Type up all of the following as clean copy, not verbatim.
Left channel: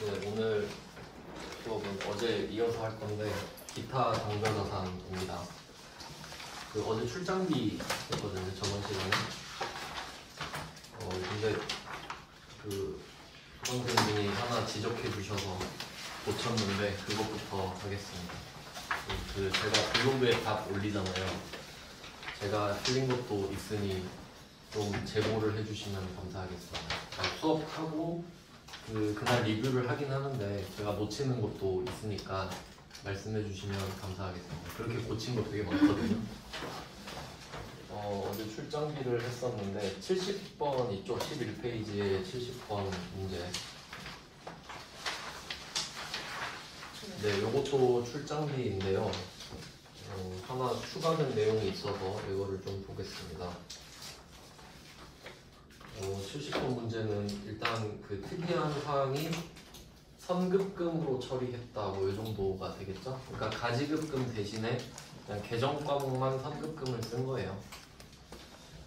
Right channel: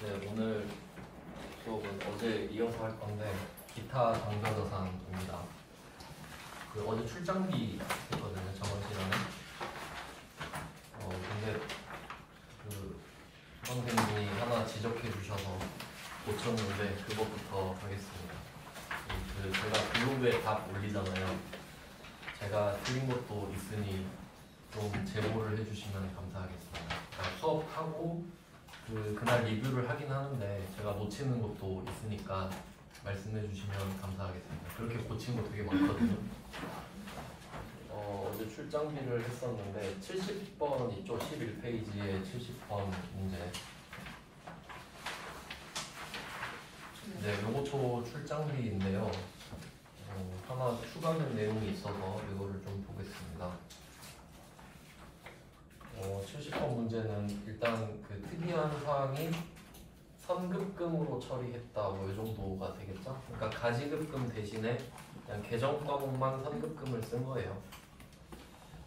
네, 오늘 수업은 어제 이어서 할 건데 기타 당겨자산입니다. 그 어제 출장비 했거든요, 저번 시간에. 근데 그 선생님이 하나 지적해 주셔서 고쳤는데 그것부터 하겠습니다. 그 제가 블로그에 답 올리잖아요. 제가 틀린 것도 있으니 좀 제보를 해주시면 감사하겠습니다. 수업하고 그날 리뷰를 하긴 하는데 제가 놓치는 것도 있으니까 말씀해 주시면 감사하겠습니다. 그렇게 고친 거 되게 많거든요. 어제 출장비를 했었는데 70번 이쪽 11페이지에 70번 문제. 네, 요것도 출장비인데요. 하나 추가된 내용이 있어서 이거를 좀 보겠습니다. 70번 문제는 일단 그 특이한 사항이 선급금으로 처리했다 뭐 이 정도가 되겠죠. 그러니까 가지급금 대신에 그냥 계정 과목만 선급금을 쓴 거예요.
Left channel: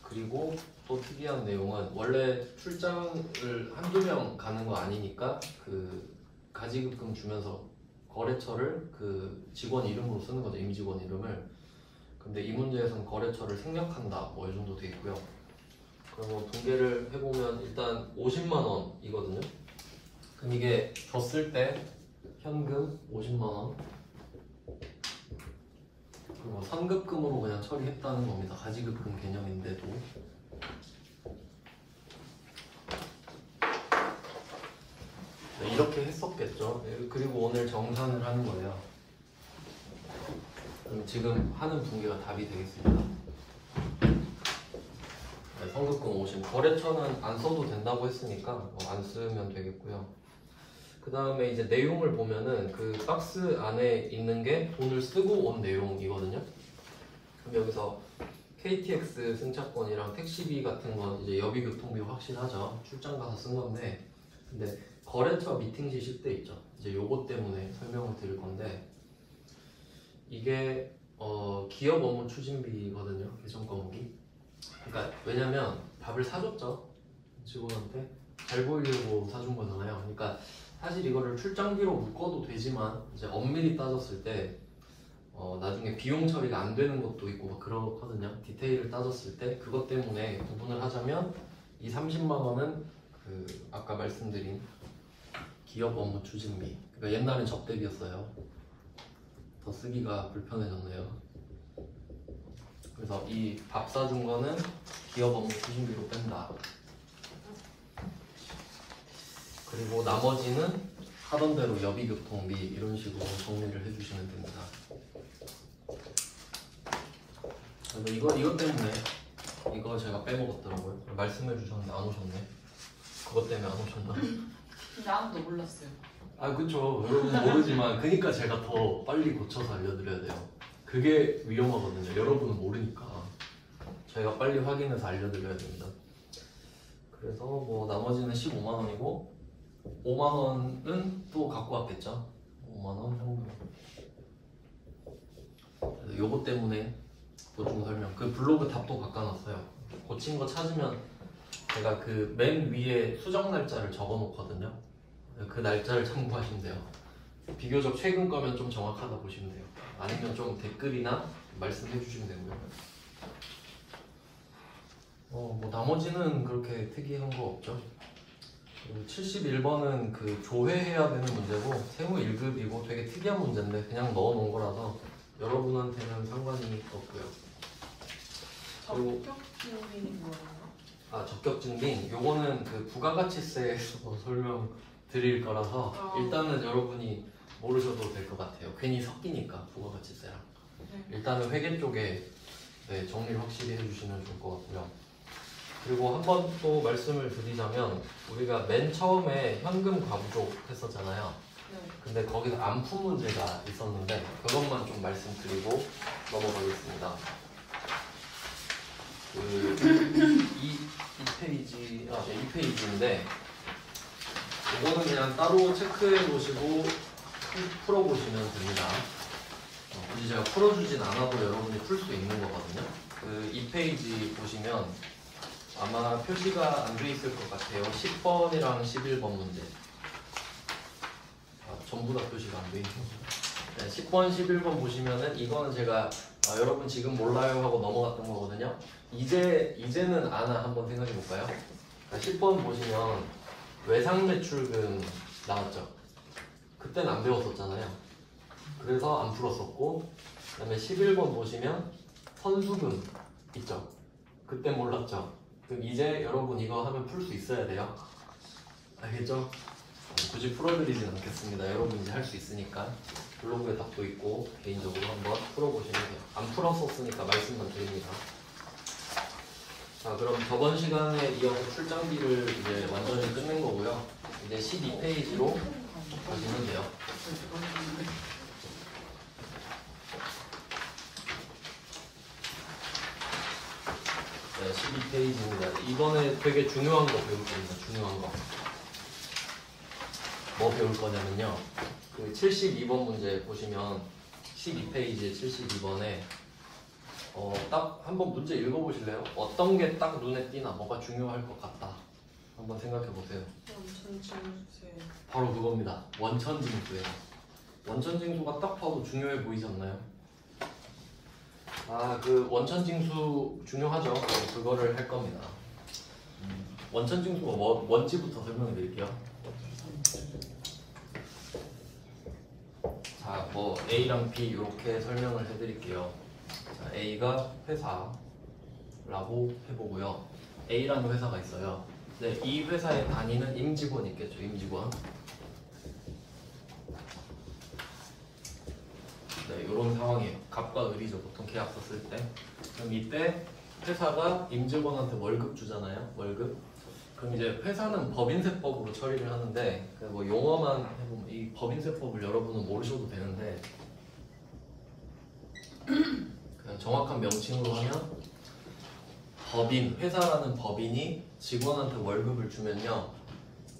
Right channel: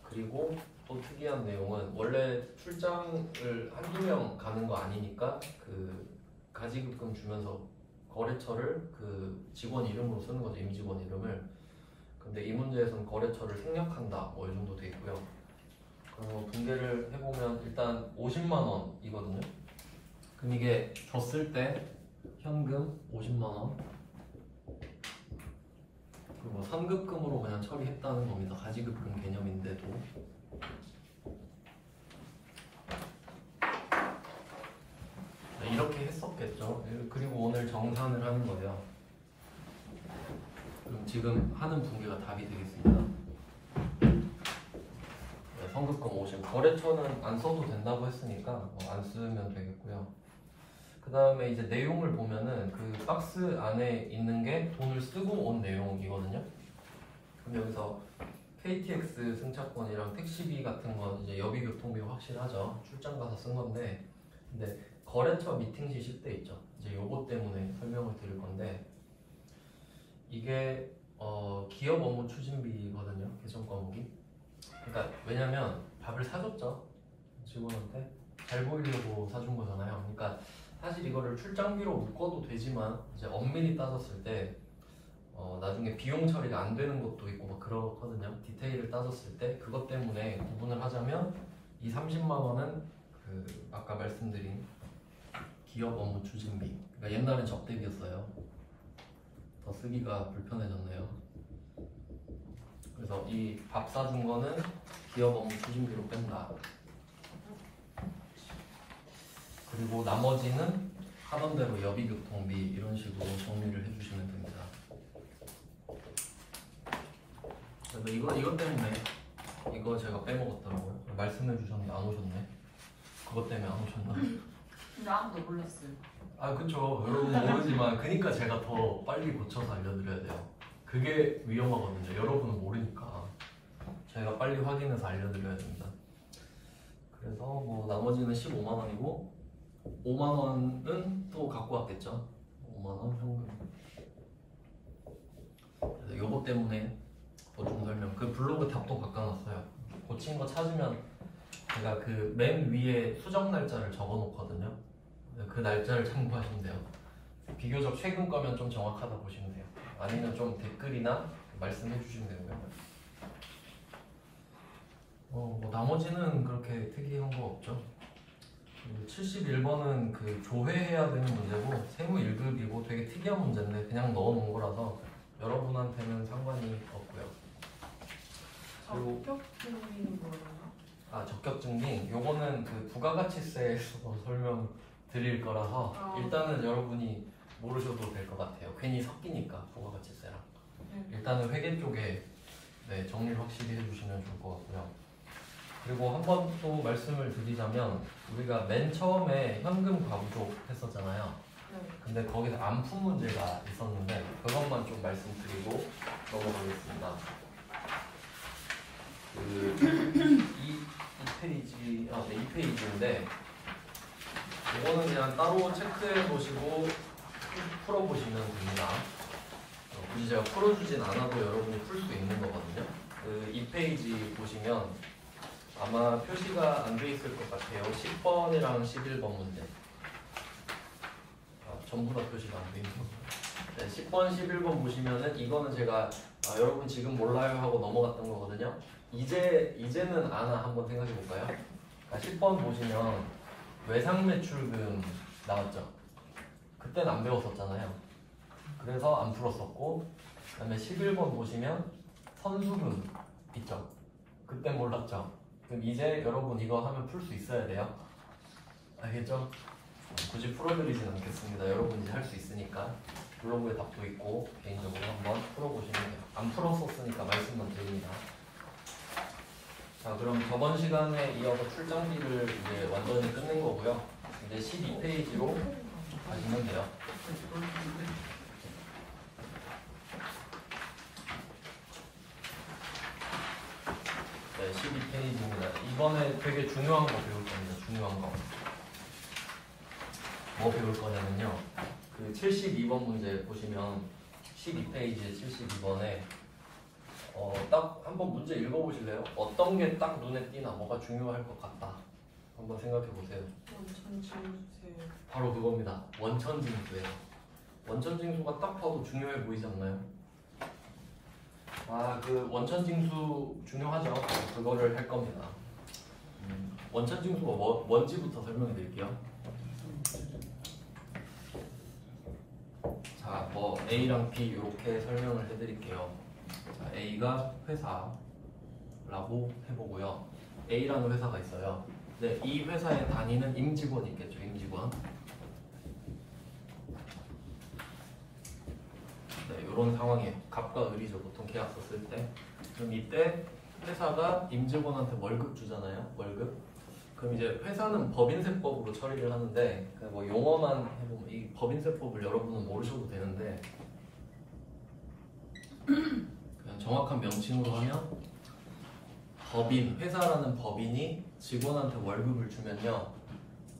그리고 또 특이한 내용은 원래 출장을 한두 명 가는 거 아니니까 그 가지급금 주면서 거래처를 그 직원 이름으로 쓰는 거죠. 임직원 이름을. 근데 이 문제에서는 거래처를 생략한다 뭐 이 정도 돼 있고요. 그리고 통계를 해보면 일단 50만 원이거든요. 그럼 이게 줬을 때 현금 50만 원 그리고 선급금으로 그냥 처리했다는 겁니다. 가지급금 개념인데도. 네, 이렇게 했었겠죠. 그리고 오늘 정산을 하는 거예요. 그럼 지금 하는 분계가 답이 되겠습니다. 선급금 50. 거래처는 안 써도 된다고 했으니까 안 쓰면 되겠고요. 그 다음에 이제 내용을 보면은 그 박스 안에 있는 게 돈을 쓰고 온 내용이거든요. 그럼 여기서 KTX 승차권이랑 택시비 같은 건 이제 여비 교통비 확실하죠. 출장 가서 쓴 건데, 근데 거래처 미팅 지시 때 있죠. 이제 요거 때문에 설명을 드릴 건데, 이게 기업 업무 추진비거든요. 계정 과목이. 그러니까 왜냐면 밥을 사줬죠. 직원한테 잘 보이려고 사준 거잖아요. 그러니까 사실 이거를 출장비로 묶어도 되지만 이제 엄밀히 따졌을 때 나중에 비용 처리가 안 되는 것도 있고 막 그렇거든요. 디테일을 따졌을 때 그것 때문에 구분을 하자면 이 30만 원은 그 아까 말씀드린 기업 업무 추진비. 그러니까 옛날엔 접대비였어요. 더 쓰기가 불편해졌네요. 그래서 이 밥 사준 거는 기업 업무 추진비로 뺀다. 그리고 나머지는 하던 대로 여비교통비 이런 식으로 정리를 해주시면 됩니다. 그래서 이것 때문에 이거 제가 빼먹었더라고요. 말씀해 주셨는데 안 오셨네. 그것 때문에 안 오셨나? 근데 아무도 몰랐어요. 아 그쵸. 여러분 모르지만 그러니까 제가 더 빨리 고쳐서 알려드려야 돼요. 그게 위험하거든요. 여러분은 모르니까 저희가 빨리 확인해서 알려드려야 됩니다. 그래서 뭐 나머지는 15만 원이고 5만 원은 또 갖고 왔겠죠. 5만 원 현금. 그래서 요거 때문에 보충 설명. 그 블로그 답도 바꿔놨어요. 고친 거 찾으면 제가 그 맨 위에 수정 날짜를 적어놓거든요. 그 날짜를 참고하시면 돼요. 비교적 최근 거면 좀 정확하다 보시면 돼요. 아니면 좀 댓글이나 말씀해 주시면 되고요. 뭐 나머지는 그렇게 특이한 거 없죠. 71번은 그 조회해야 되는 문제고 세무 1급이고 되게 특이한 문제인데 그냥 넣어놓은 거라서 여러분한테는 상관이 없고요. 적격증빙이 뭐예요? 적격증빙 요거는 그 부가가치세에서 설명 드릴 거라서 일단은 여러분이 모르셔도 될 것 같아요. 괜히 섞이니까 부가가치세랑. 일단은 회계 쪽에 정리를 확실히 해주시면 좋을 것 같고요. 그리고 한 번 또 말씀을 드리자면 우리가 맨 처음에 현금 과부족 했었잖아요. 근데 거기서 안품 문제가 있었는데 그것만 좀 말씀드리고 넘어가겠습니다. 이 페이지인데 이거는 그냥 따로 체크해 보시고 풀어 보시면 됩니다. 굳이 제가 풀어주진 않아도 여러분이 풀 수 있는 거거든요. 이 페이지 보시면 아마 표시가 안 돼 있을 것 같아요. 10번이랑 11번 문제. 전부 다 표시가 안 돼 있죠. 네, 10번, 11번 보시면은 이거는 제가 여러분 지금 몰라요 하고 넘어갔던 거거든요. 이제는 아나 한번 생각해 볼까요? 10번 보시면 외상 매출금 나왔죠. 그때는 안 배웠었잖아요. 그래서 안 풀었었고, 그다음에 11번 보시면 선수금 있죠. 그때 몰랐죠. 그럼 이제 여러분 이거 하면 풀 수 있어야 돼요. 알겠죠? 굳이 풀어드리진 않겠습니다. 여러분 이제 할 수 있으니까 블로그에 답도 있고 개인적으로 한번 풀어보시는 게 안 풀었었으니까 말씀만 드립니다. 자, 그럼 저번 시간에 이어서 출장비를 이제 완전히 끝낸 거고요. 이제 12페이지로 보시면 돼요. 네, 12페이지입니다. 이번에 되게 중요한 거 배울 겁니다. 중요한 거. 뭐 배울 거냐면요. 그 72번 문제 보시면 12페이지 72번에 딱 한번 문제 읽어보실래요? 어떤 게 딱 눈에 띄나 뭐가 중요할 것 같다. 한번 생각해 보세요. 바로 그겁니다. 원천징수예요. 원천징수가 딱 봐도 중요해 보이지 않나요? 그 원천징수 중요하죠. 그거를 할 겁니다. 원천징수가 뭔지부터 설명해 드릴게요. 자, 뭐 A랑 B 이렇게 설명을 해드릴게요. 자, A가 회사라고 해보고요. A라는 회사가 있어요. 네, 이 회사의 단위는 임직원 있겠죠. 임직원. 네, 이런 상황이에요. 갑과 을이죠. 보통 계약서 쓸 때. 그럼 이때 회사가 임직원한테 월급 주잖아요. 월급. 그럼 이제 회사는 법인세법으로 처리를 하는데 뭐 용어만 해보면 이 법인세법을 여러분은 모르셔도 되는데 그냥 정확한 명칭으로 하면 회사라는 법인이 직원한테 월급을 주면요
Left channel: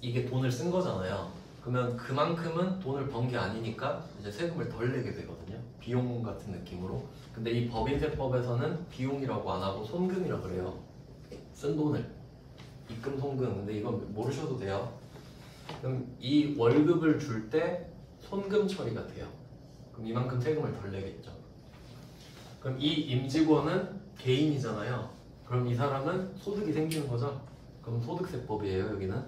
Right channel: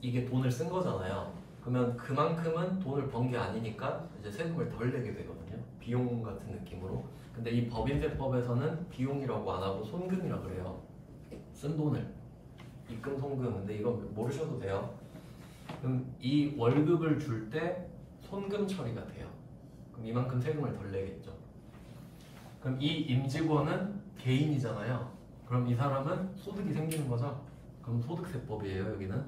이게 돈을 쓴 거잖아요. 그러면 그만큼은 돈을 번 게 아니니까 이제 세금을 덜 내게 되거든요. 비용 같은 느낌으로. 근데 이 법인세법에서는 비용이라고 안 하고 손금이라고 그래요. 쓴 돈을. 입금, 송금. 근데 이건 모르셔도 돼요. 그럼 이 월급을 줄 때 손금 처리가 돼요. 그럼 이만큼 세금을 덜 내겠죠. 그럼 이 임직원은 개인이잖아요. 그럼 이 사람은 소득이 생기는 거죠. 그럼 소득세법이에요. 여기는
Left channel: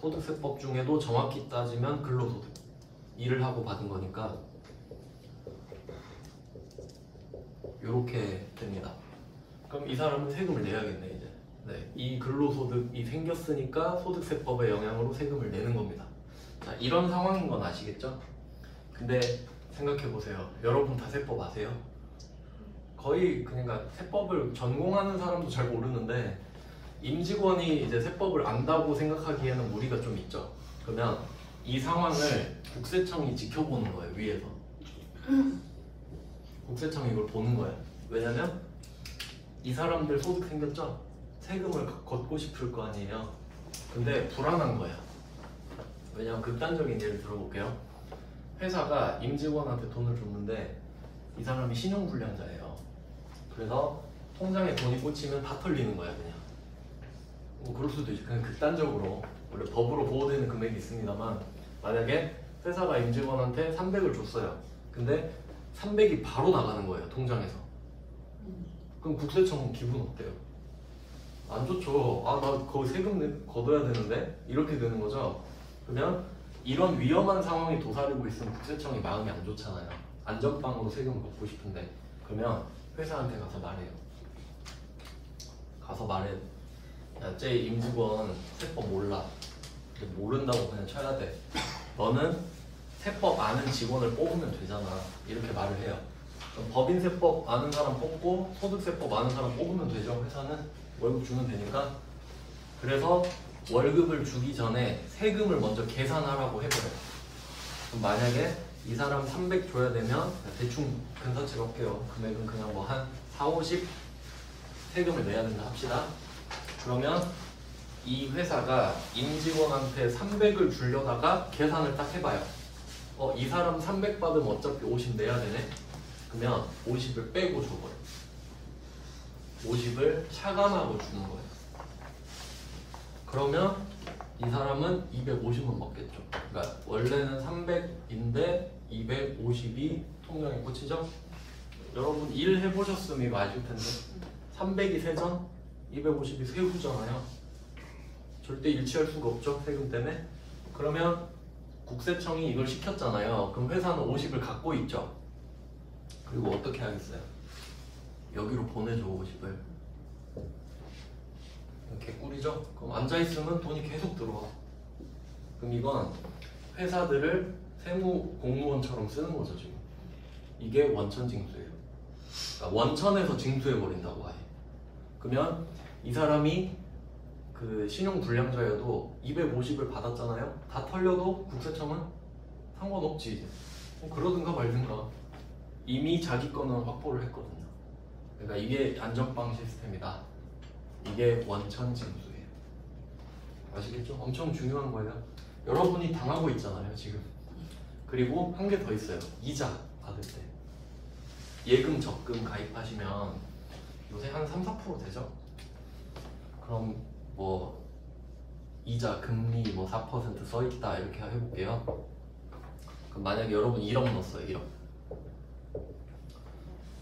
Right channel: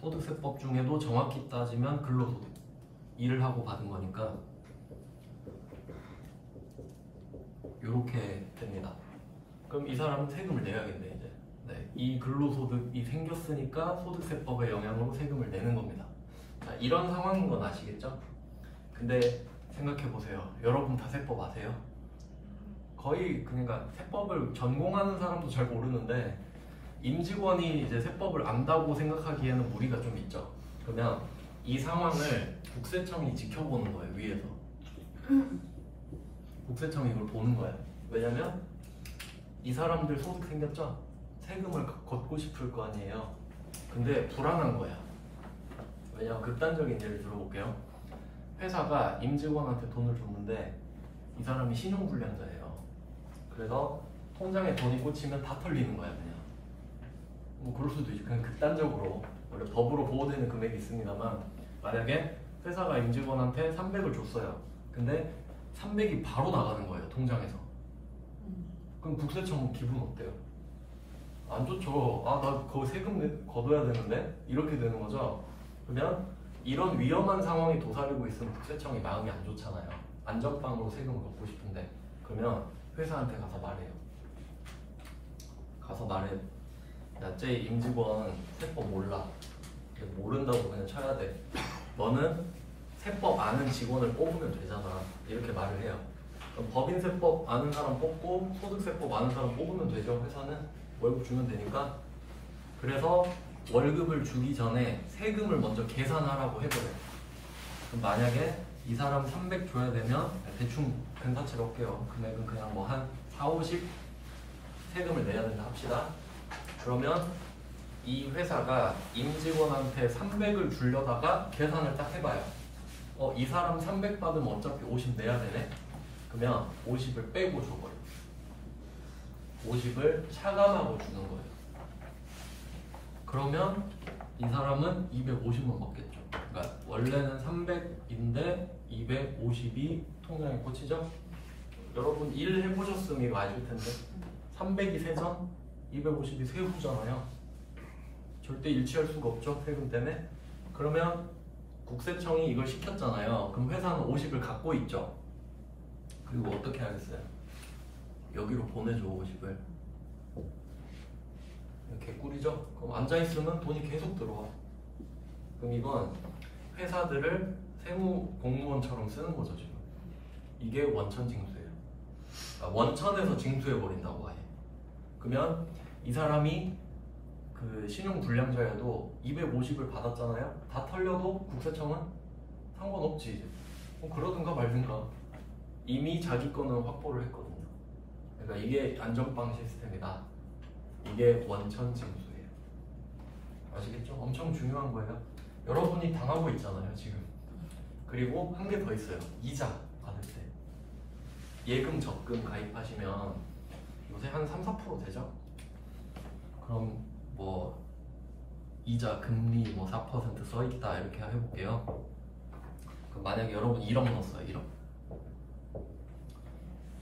소득세법 중에도 정확히 따지면 근로소득. 일을 하고 받은 거니까 이렇게 됩니다. 그럼 이 사람은 세금을 내야겠네 이제. 네, 이 근로소득이 생겼으니까 소득세법의 영향으로 세금을 내는 겁니다. 자, 이런 상황인 건 아시겠죠? 근데 생각해 보세요. 여러분 다 세법 아세요? 거의 그러니까 세법을 전공하는 사람도 잘 모르는데 임직원이 이제 세법을 안다고 생각하기에는 무리가 좀 있죠. 그러면 이 상황을 국세청이 지켜보는 거예요. 위에서 국세청이 이걸 보는 거예요. 왜냐면 이 사람들 소득 생겼죠? 세금을 걷고 싶을 거 아니에요. 근데 불안한 거야. 왜냐면 극단적인 예를 들어볼게요. 회사가 임직원한테 돈을 줬는데 이 사람이 신용불량자예요. 그래서 통장에 돈이 꽂히면 다 털리는 거야 그냥. 뭐 그럴 수도 있지. 그냥 극단적으로 원래 법으로 보호되는 금액이 있습니다만 만약에 회사가 임직원한테 300을 줬어요. 근데 300이 바로 나가는 거예요 통장에서. 그럼 국세청 기분 어때요? 안 좋죠. 나 그거 세금 걷어야 되는데? 이렇게 되는 거죠. 그러면 이런 위험한 상황이 도사리고 있으면 국세청이 마음이 안 좋잖아요. 안전빵으로 세금을 걷고 싶은데. 그러면 회사한테 가서 말해요. 가서 말해. 야, 쟤 임직원 세법 몰라. 모른다고 그냥 쳐야 돼. 너는 세법 아는 직원을 뽑으면 되잖아. 이렇게 말을 해요. 그럼 법인세법 아는 사람 뽑고 소득세법 아는 사람 뽑으면 되죠. 회사는 월급 주면 되니까. 그래서 월급을 주기 전에 세금을 먼저 계산하라고 해버려요. 그럼 만약에 이 사람 300 줘야 되면 대충 근사치로 할게요. 금액은 그냥 뭐 한 4, 50 세금을 내야 된다 합시다. 그러면 이 회사가 임직원한테 300을 주려다가 계산을 딱 해봐요. 이 사람 300 받으면 어차피 50 내야 되네. 그러면 50을 빼고 줘버려. 50을 차감하고 주는 거예요. 그러면 이 사람은 250은 먹겠죠. 그러니까 원래는 300인데 250이 통장에 꽂히죠. 여러분 1 해보셨으면 이거 아실 텐데 300이 세전, 250이 세후잖아요. 절대 일치할 수가 없죠, 세금 때문에. 그러면 국세청이 이걸 시켰잖아요. 그럼 회사는 50을 갖고 있죠. 그리고 어떻게 하겠어요? 여기로 보내줘 50을. 개꿀이죠? 그럼 앉아있으면 돈이 계속 들어와. 그럼 이건 회사들을 세무 공무원처럼 쓰는 거죠 지금. 이게 원천 징수예요. 그러니까 원천에서 징수해버린다고 하해. 그러면 이 사람이 그 신용 불량자여도 250을 받았잖아요. 다 털려도 국세청은 상관없지 이제. 그러든가 말든가. 이미 자기 거는 확보를 했거든요. 그러니까 이게 안전빵 시스템이다. 이게 원천 징수예요. 아시겠죠? 엄청 중요한 거예요. 여러분이 당하고 있잖아요 지금. 그리고 한 개 더 있어요. 이자 받을 때 예금 적금 가입하시면 요새 한 3-4% 되죠? 그럼 뭐 이자 금리 뭐 4% 써있다 이렇게 해볼게요. 그럼 만약에 여러분 1억 넣었어요. 1억.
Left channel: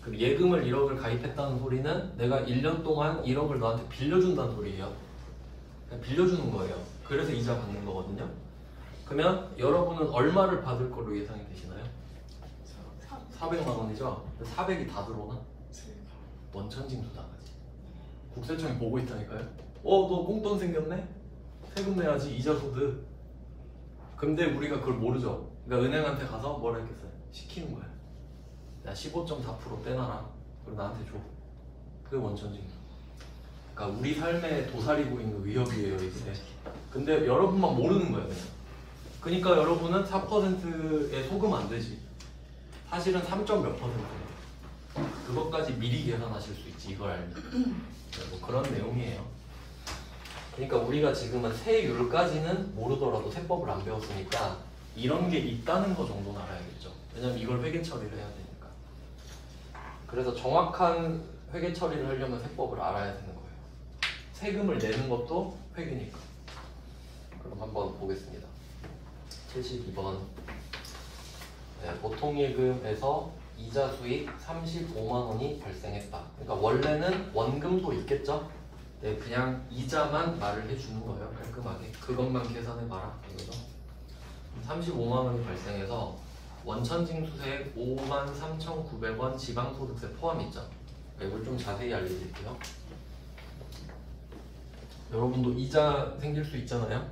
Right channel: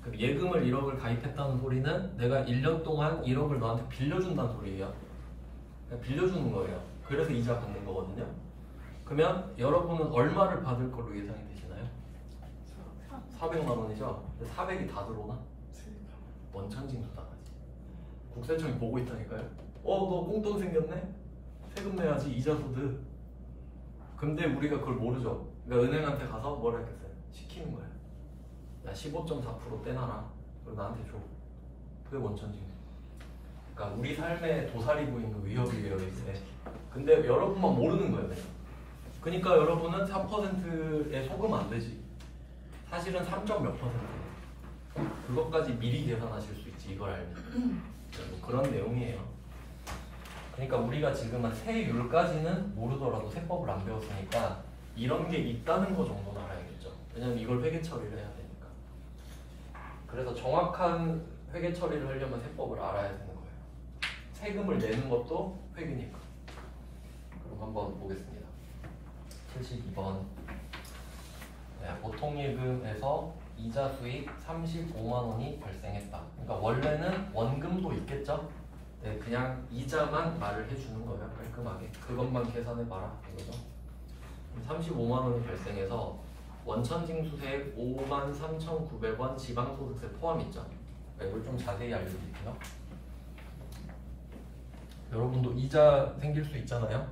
그 예금을 1억을 가입했다는 소리는 내가 1년 동안 1억을 너한테 빌려준다는 소리예요. 그냥 빌려주는 거예요. 그래서 이자 받는 거거든요. 그러면 여러분은 얼마를 받을 걸로 예상이 되시나요? 400만 원이죠? 400이 다 들어오나? 원천 징수 나가지. 국세청이 보고 있다니까요. 너 꽁돈 생겼네? 세금 내야지. 이자 소득. 근데 우리가 그걸 모르죠. 그러니까 은행한테 가서 뭐라 했겠어요? 시키는 거야. 야 15.4% 떼놔라. 그리고 나한테 줘. 그게 원천 징수. 그러니까 우리 삶에 도사리고 있는 위협이에요 이게. 근데 여러분만 모르는 거예요 그냥. 그러니까 여러분은 4%에 속으면 안 되지. 사실은 3.몇 %. 그것까지 미리 계산하실 수 있지 이걸 알면. 뭐 그런 내용이에요. 그러니까 우리가 지금은 세율까지는 모르더라도 세법을 안 배웠으니까 이런 게 있다는 거 정도는 알아야겠죠. 왜냐면 이걸 회계 처리를 해야 되니까. 그래서 정확한 회계 처리를 하려면 세법을 알아야 되는 거예요. 세금을 내는 것도 회계니까. 그럼 한번 보겠습니다. 72번. 네, 보통예금에서 이자 수익 35만 원이 발생했다. 그러니까 원래는 원금도 있겠죠? 네, 그냥 이자만 말을 해주는 거예요. 깔끔하게. 그것만 계산해봐라. 이거죠. 35만 원이 발생해서 원천징수세액 53,900원 지방소득세 포함이죠. 이걸 좀 자세히 알려드릴게요. 여러분도 이자 생길 수 있잖아요.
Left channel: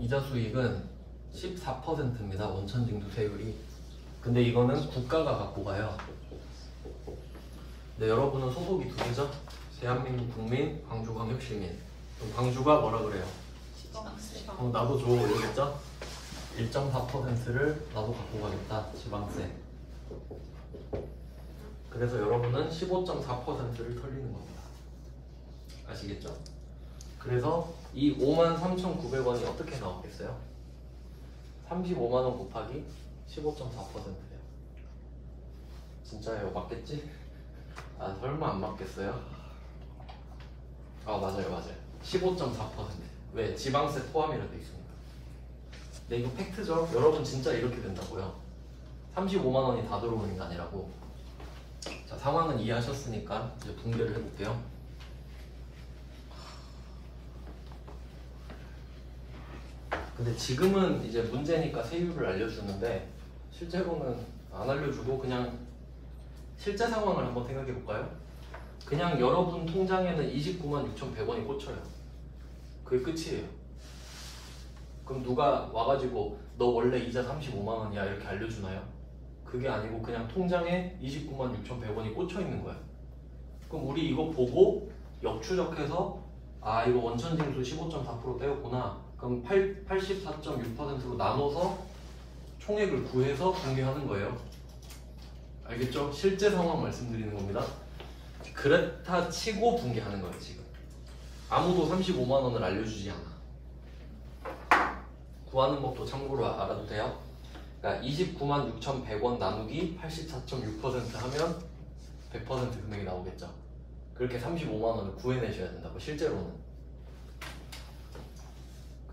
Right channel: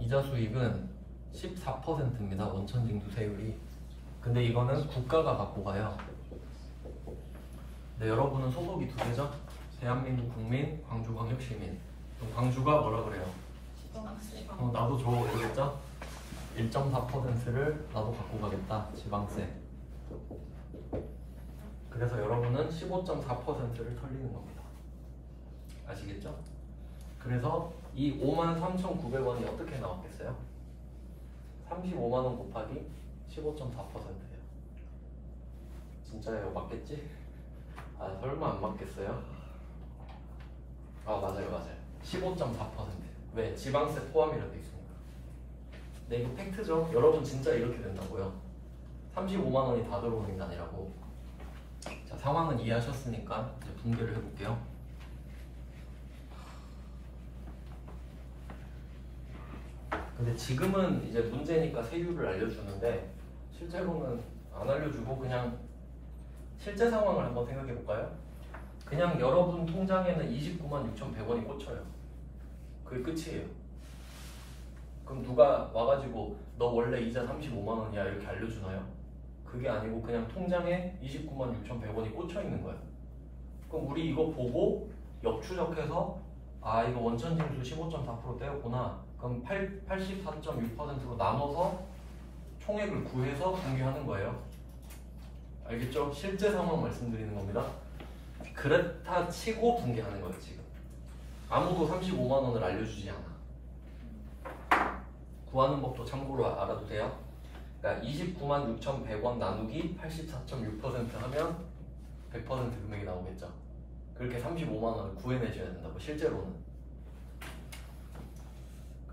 이자 수익은 14%입니다. 원천징수세율이. 근데 이거는 국가가 갖고 가요. 근데 여러분은 소속이 두 개죠? 대한민국 국민, 광주광역시민. 그럼 광주가 뭐라 그래요? 나도 줘 이러겠죠? 1.4%를 나도 갖고 가겠다. 지방세. 그래서 여러분은 15.4%를 털리는 겁니다. 아시겠죠? 그래서 이 53,900원이 어떻게 나오겠어요? 35만 원 곱하기 15.4%예요. 진짜예요? 맞겠지? 아 설마 안 맞겠어요? 아 맞아요. 15.4%. 왜? 지방세 포함이라 돼 있으니까. 네, 이거 팩트죠? 여러분 진짜 이렇게 된다고요. 35만 원이 다 들어오는 게 아니라고. 자, 상황은 이해하셨으니까 이제 분배를 해볼게요. 근데 지금은 이제 문제니까 세율을 알려주는데 실제로는 안 알려주고 그냥 실제 상황을 한번 생각해 볼까요? 그냥 여러분 통장에는 29만 6,100원이 꽂혀요. 그게 끝이에요. 그럼 누가 와가지고 너 원래 이자 35만 원이야 이렇게 알려주나요? 그게 아니고 그냥 통장에 29만 6,100원이 꽂혀 있는 거예요. 그럼 우리 이거 보고 역추적해서 아 이거 원천징수 15.4% 떼었구나. 그럼 84.6%로 나눠서 총액을 구해서 공개하는 거예요. 알겠죠? 실제 상황 말씀드리는 겁니다. 그렇다 치고 분개하는 거예요 지금. 아무도 35만 원을 알려주지 않아. 구하는 법도 참고로 알아도 돼요. 그러니까 29만 6,100원 나누기 84.6% 하면 100% 금액이 나오겠죠. 그렇게 35만 원을 구해내셔야 된다고 실제로는.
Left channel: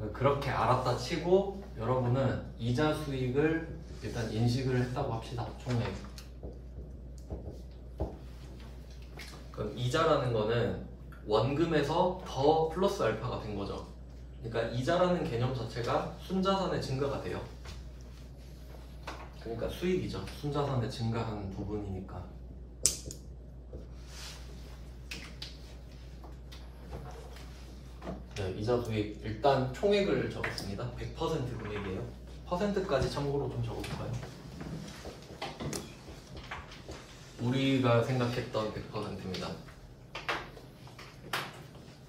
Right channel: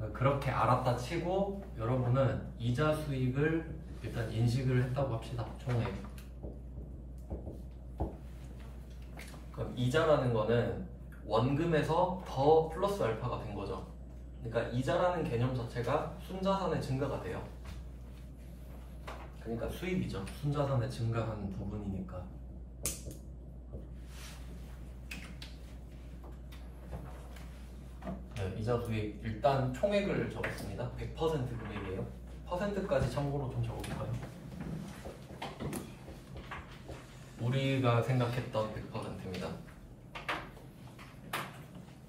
그렇게 알았다 치고 여러분은 이자 수익을 일단 인식을 했다고 합시다. 총액. 그럼 이자라는 거는 원금에서 더 플러스 알파가 된 거죠. 그러니까 이자라는 개념 자체가 순자산의 증가가 돼요. 그러니까 수익이죠. 순자산의 증가한 부분이니까. 네, 이자 수익 일단 총액을 적었습니다. 100% 금액이에요. 퍼센트까지 참고로 좀 적어볼까요? 우리가 생각했던 100%입니다.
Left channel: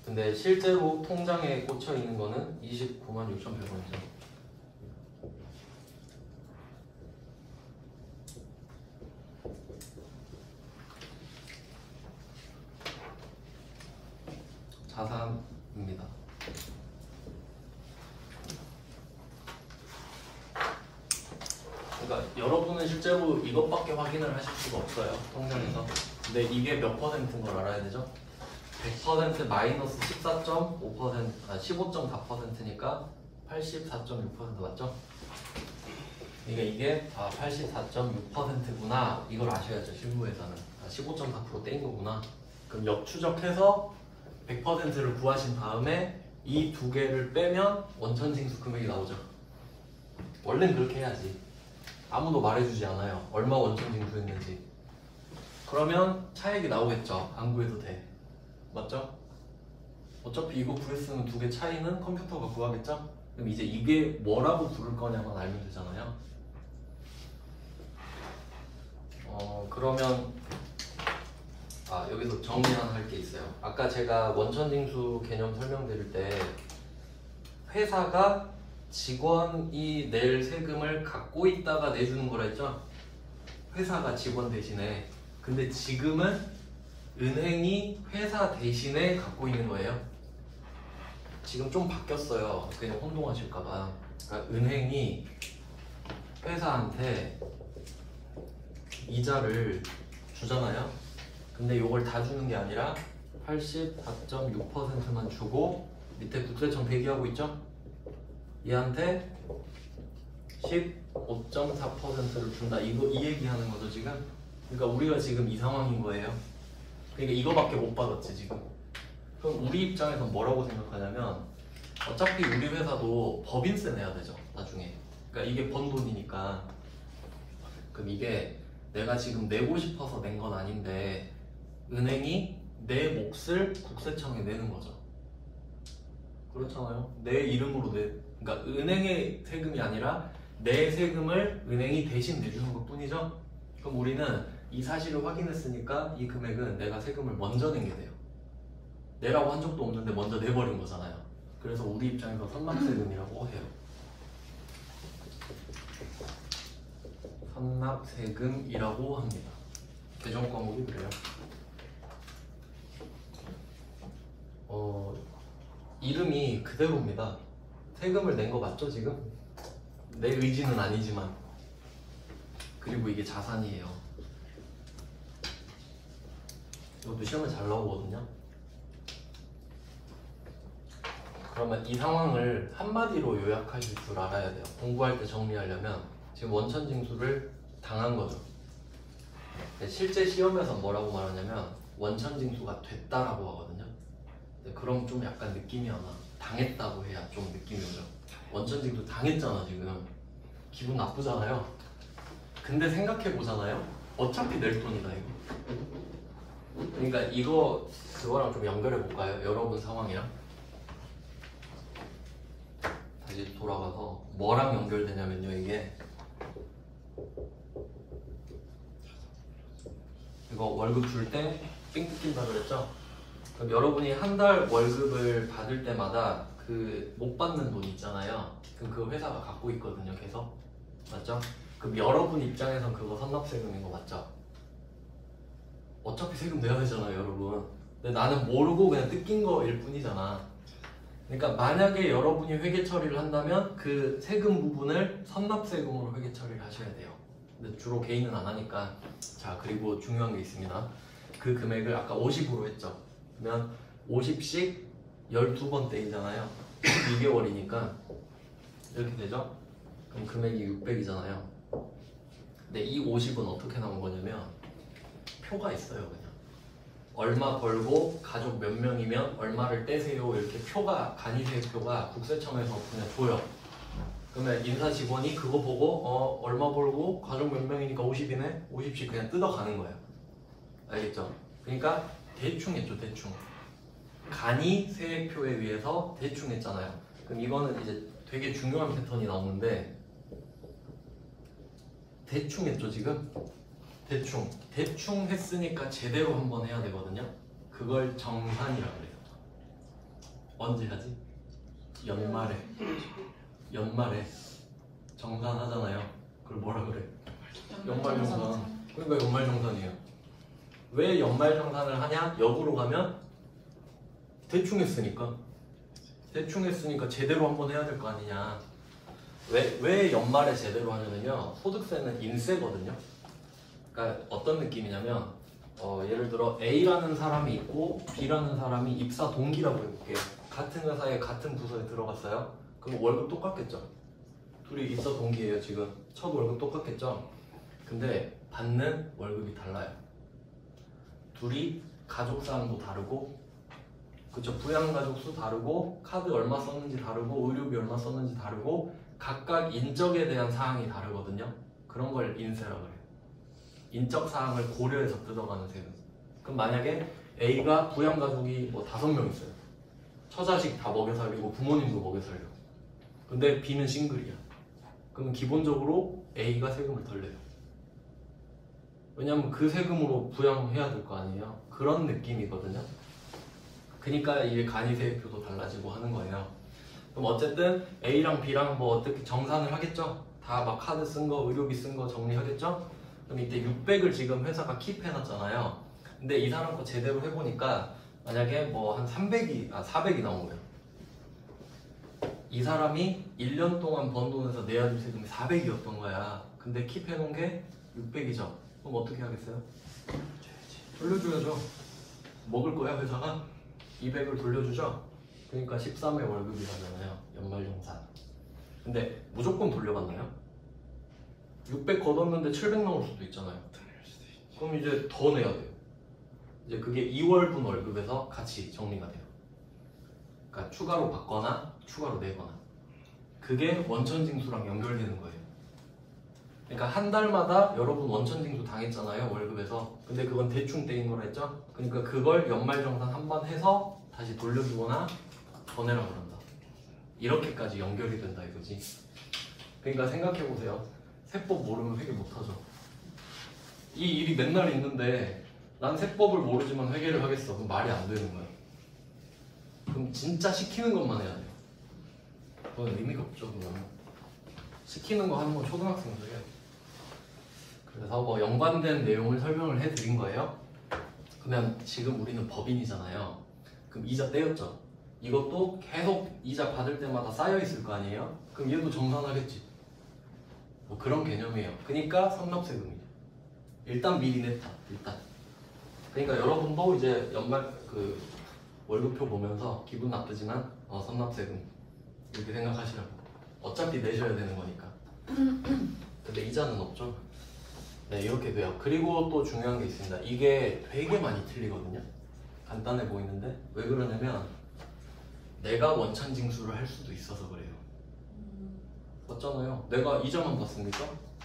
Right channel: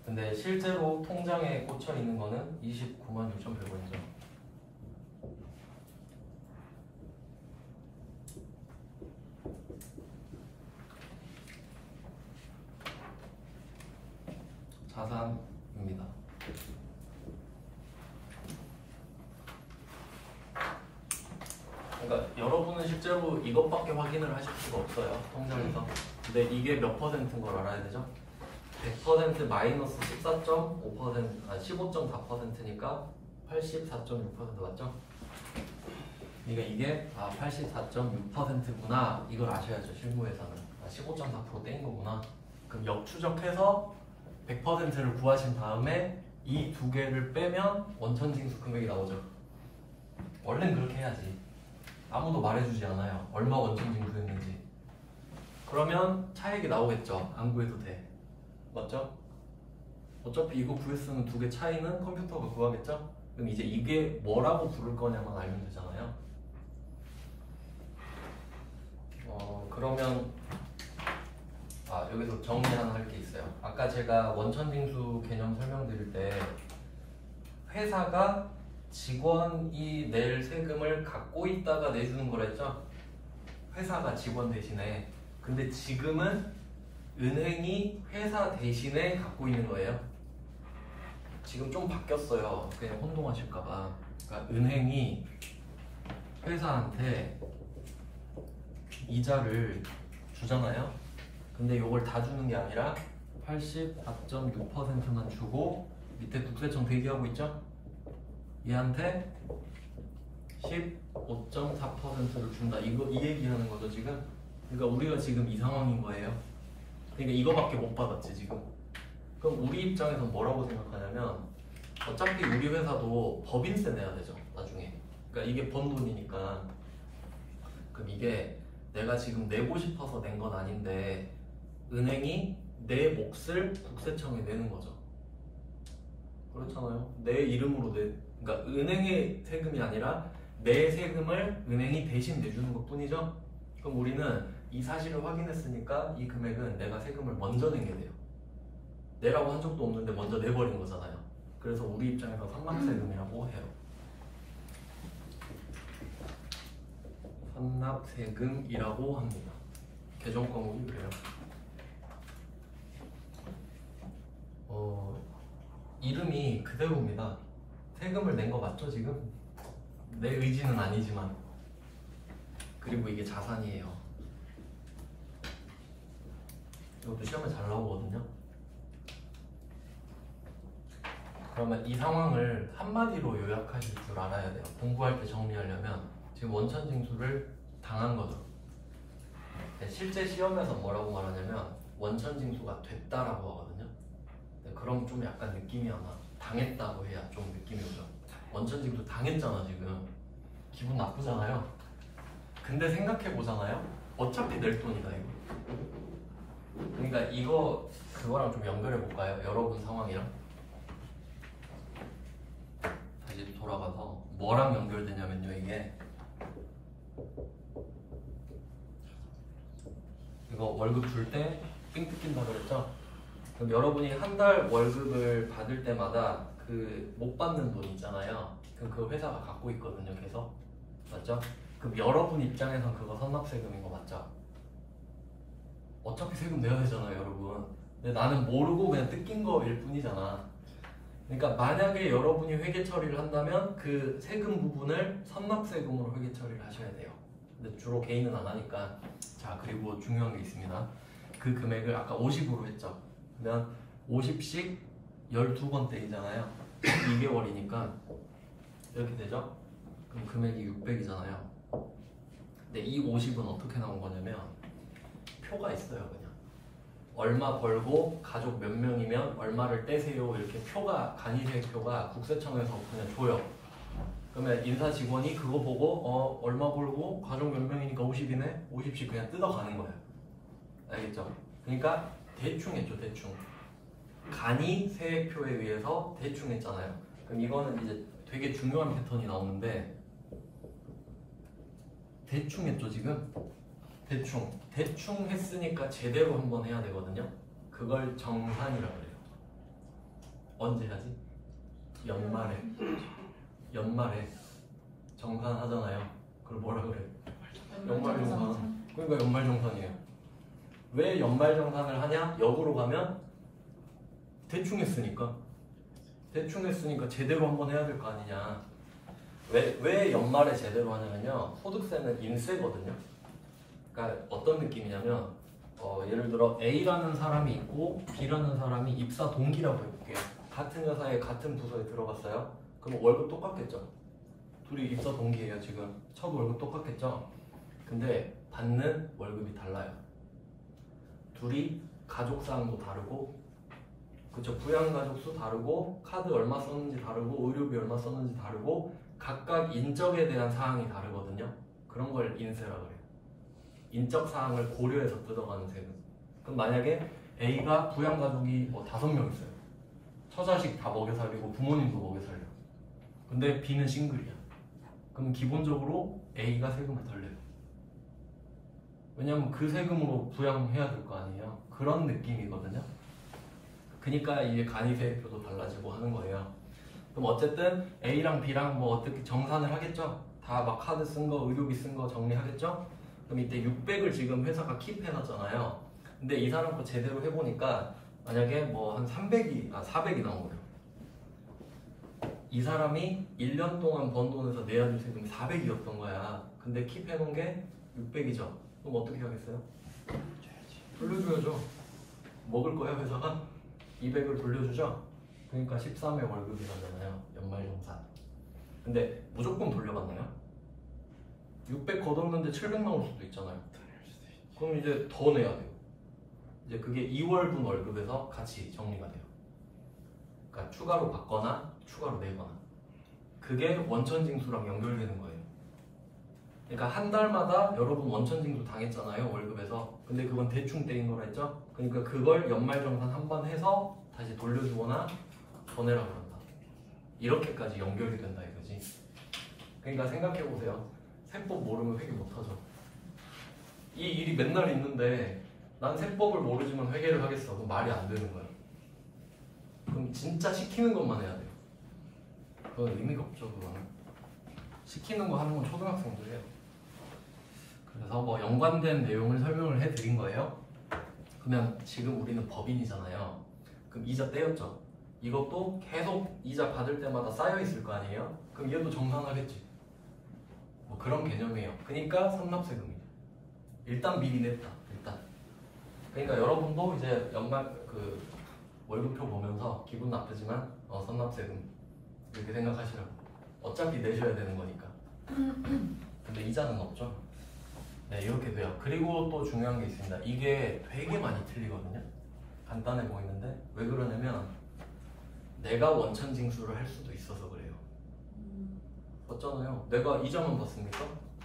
근데 실제로 통장에 꽂혀 있는 거는 29만 6,100원이죠. 자산입니다. 그러니까 여러분은 실제로 이것밖에 확인을 하실 수가 없어요. 통장에서. 근데 이게 몇 퍼센트인 걸 알아야 되죠? 100% 마이너스 14.5%, 15.4%니까 84.6% 맞죠? 그러니까 이게 84.6%구나 이걸 아셔야죠. 실무에서는 15.4% 떼인 거구나. 그럼 역추적해서 100%를 구하신 다음에 이 두 개를 빼면 원천징수 금액이 나오죠. 원래는 그렇게 해야지. 아무도 말해주지 않아요. 얼마 원천징수했는지. 그러면 차액이 나오겠죠. 안 구해도 돼. 맞죠? 어차피 이거 구했으면 두 개 차이는 컴퓨터가 구하겠죠? 그럼 이제 이게 뭐라고 부를 거냐만 알면 되잖아요. 그러면 여기서 정리 하나 할 게 있어요. 아까 제가 원천징수 개념 설명드릴 때 회사가 직원이 낼 세금을 갖고 있다가 내주는 거라 했죠? 회사가 직원 대신에. 근데 지금은 은행이 회사 대신에 갖고 있는 거예요. 지금 좀 바뀌었어요. 그냥 혼동하실까봐. 그러니까 은행이 회사한테 이자를 주잖아요. 근데 이걸 다 주는 게 아니라 84.6%만 주고 밑에 국세청 대기하고 있죠? 얘한테 15.4%를 준다. 이 얘기하는 거죠 지금. 그러니까 우리가 지금 이 상황인 거예요. 그러니까 이거밖에 못 받았지 지금. 그럼 우리 입장에서 뭐라고 생각하냐면 어차피 우리 회사도 법인세 내야 되죠 나중에. 그러니까 이게 번 돈이니까. 그럼 이게 내가 지금 내고 싶어서 낸 건 아닌데 은행이 내 몫을 국세청에 내는 거죠. 그렇잖아요. 내 이름으로 그러니까 은행의 세금이 아니라 내 세금을 은행이 대신 내주는 것 뿐이죠. 그럼 우리는 이 사실을 확인했으니까 이 금액은 내가 세금을 먼저 낸 게 돼요. 내라고 한 적도 없는데 먼저 내버린 거잖아요. 그래서 우리 입장에서 선납세금이라고 해요. 선납세금이라고 합니다. 개정 과목이 그래요. 이름이 그대로입니다. 세금을 낸 거 맞죠 지금? 내 의지는 아니지만. 그리고 이게 자산이에요. 이것도 시험에 잘 나오거든요. 그러면 이 상황을 한마디로 요약하실 줄 알아야 돼요. 공부할 때 정리하려면 지금 원천징수를 당한 거죠. 실제 시험에서 뭐라고 말하냐면 원천징수가 됐다라고 하거든요. 그럼 좀 약간 느낌이 아마 당했다고 해야 좀 느낌이 오죠. 원천징수 당했잖아 지금. 기분 나쁘잖아요. 근데 생각해 보잖아요. 어차피 낼 돈이다 이거. 그러니까 이거 그거랑 좀 연결해 볼까요? 여러분 상황이랑. 다시 돌아가서 뭐랑 연결되냐면요 이게. 이거 월급 줄 때 삥 뜯긴다 그랬죠? 그럼 여러분이 한 달 월급을 받을 때마다 그 못 받는 돈 있잖아요. 그럼 그 회사가 갖고 있거든요 계속. 맞죠? 그럼 여러분 입장에선 그거 선납세금인 거 맞죠? 어차피 세금 내야 되잖아요 여러분. 근데 나는 모르고 그냥 뜯긴 거일 뿐이잖아. 그러니까 만약에 여러분이 회계 처리를 한다면 그 세금 부분을 선납세금으로 회계 처리를 하셔야 돼요. 근데 주로 개인은 안 하니까. 자, 그리고 중요한 게 있습니다. 그 금액을 아까 50으로 했죠. 그러면 50씩 12번 떼이잖아요. 2개월이니까 이렇게 되죠? 그럼 금액이 600이잖아요. 근데 이 50은 어떻게 나온 거냐면 표가 있어요. 그냥 얼마 벌고 가족 몇 명이면 얼마를 떼세요 이렇게 표가 간이세표가 국세청에서 그냥 줘요. 그러면 인사 직원이 그거 보고 얼마 벌고 가족 몇 명이니까 50이네? 50씩 그냥 뜯어가는 거예요. 알겠죠? 그러니까 대충 했죠. 대충 간이세표에 의해서 대충 했잖아요. 그럼 이거는 이제 되게 중요한 패턴이 나오는데 대충 했죠 지금? 대충 했으니까 제대로 한번 해야 되거든요. 그걸 정산이라고 해요. 언제 하지? 연말에 정산하잖아요. 그걸 뭐라 그래? 연말정산. 그러니까 연말정산이에요. 왜 연말정산을 하냐? 역으로 가면 대충 했으니까 제대로 한번 해야 될 거 아니냐. 왜 연말에 제대로 하냐면요, 소득세는 인세거든요. 그러니까 어떤 느낌이냐면 예를 들어 A라는 사람이 있고 B라는 사람이 입사 동기라고 해볼게요. 같은 회사에 같은 부서에 들어갔어요. 그럼 월급 똑같겠죠. 둘이 입사 동기예요. 지금 첫 월급 똑같겠죠. 근데 받는 월급이 달라요. 둘이 가족 사항도 다르고, 그쵸, 부양가족 수 다르고, 카드 얼마 썼는지 다르고, 의료비 얼마 썼는지 다르고, 각각 인적에 대한 사항이 다르거든요. 그런 걸 인세라고 해요. 인적 사항을 고려해서 뜯어가는 세금. 그럼 만약에 A가 부양가족이 뭐 5명 있어요. 처자식 다 먹여 살리고 부모님도 먹여 살려. 근데 B는 싱글이야. 그럼 기본적으로 A가 세금을 덜 내요. 왜냐면 그 세금으로 부양해야 될 거 아니에요. 그런 느낌이거든요. 그러니까 이게 간이세표도 달라지고 하는 거예요. 그럼 어쨌든 A랑 B랑 뭐 어떻게 정산을 하겠죠? 다 막 카드 쓴 거, 의료비 쓴 거 정리하겠죠? 그럼 이때 600을 지금 회사가 킵해놨잖아요. 근데 이 사람 거 제대로 해보니까 만약에 뭐 한 400이 나온 거예요. 이 사람이 1년 동안 번 돈에서 내야 될 세금이 400이었던 거야. 근데 킵해놓은 게 600이죠. 그럼 어떻게 하겠어요? 돌려줘야죠. 먹을 거야 회사가? 200을 돌려주죠. 그러니까 13회 월급이잖아요. 연말정산. 근데 무조건 돌려받나요? 600 걷었는데 700 나올 수도 있잖아요. 그럼 이제 더 내야 돼요. 이제 그게 2월분 월급에서 같이 정리가 돼요. 그러니까 추가로 받거나 추가로 내거나. 그게 원천징수랑 연결되는 거예요. 그러니까 한 달마다 여러분 원천징수 당했잖아요, 월급에서. 근데 그건 대충 떼인 거라 했죠? 그러니까 그걸 연말정산 한 번 해서 다시 돌려주거나 더 내라 그런다. 이렇게까지 연결이 된다 이거지. 그러니까 생각해보세요. 세법 모르면 회계 못하죠. 이 일이 맨날 있는데 난 세법을 모르지만 회계를 하겠어. 그럼 말이 안 되는 거야. 그럼 진짜 시키는 것만 해야 돼요. 그건 의미가 없죠. 그거는 시키는 거 하는 건 초등학생들이에요. 그래서 뭐 연관된 내용을 설명을 해드린 거예요. 그러면 지금 우리는 법인이잖아요. 그럼 이자 떼였죠. 이것도 계속 이자 받을 때마다 쌓여 있을 거 아니에요. 그럼 얘도 정산하겠지. 뭐 그런 개념이에요. 그러니까 선납세금이죠. 일단 미리 냈다. 일단. 그러니까 여러분도 이제 연말 그 월급표 보면서 기분 나쁘지만 선납세금 이렇게 생각하시라고. 어차피 내셔야 되는 거니까. 근데 이자는 없죠. 네, 이렇게 돼요. 그리고 또 중요한 게 있습니다. 이게 되게 많이 틀리거든요. 간단해 보이는데 왜 그러냐면 내가 원천 징수를 할 수도 있어서 그래요. 맞잖아요. 내가 이자만 받습니까?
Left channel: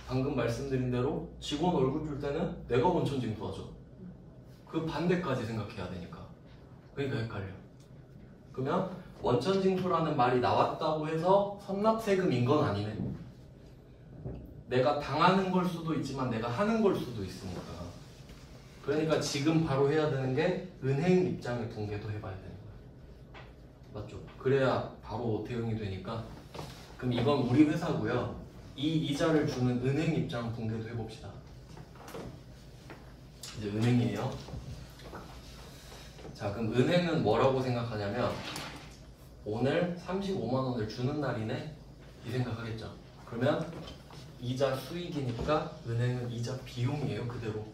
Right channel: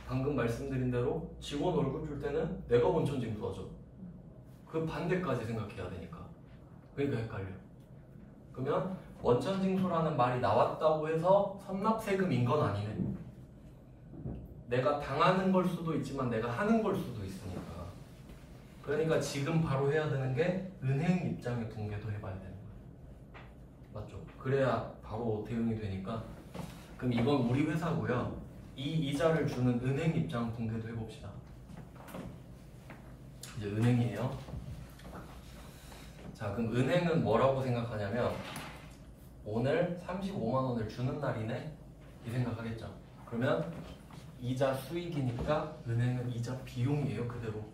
방금 말씀드린 대로 직원 월급 줄 때는 내가 원천 징수하죠. 그 반대까지 생각해야 되니까. 그러니까 헷갈려. 그러면 원천 징수라는 말이 나왔다고 해서 선납세금인 건 아니네. 내가 당하는 걸 수도 있지만 내가 하는 걸 수도 있으니까. 그러니까 지금 바로 해야 되는 게 은행 입장의 붕괴도 해봐야 되는 거예요. 맞죠? 그래야 바로 대응이 되니까. 그럼 이건 우리 회사고요. 이 이자를 주는 은행 입장 붕괴도 해봅시다. 이제 은행이에요. 자, 그럼 은행은 뭐라고 생각하냐면 오늘 35만 원을 주는 날이네 이 생각하겠죠. 그러면 이자 수익이니까 은행은 이자 비용이에요. 그대로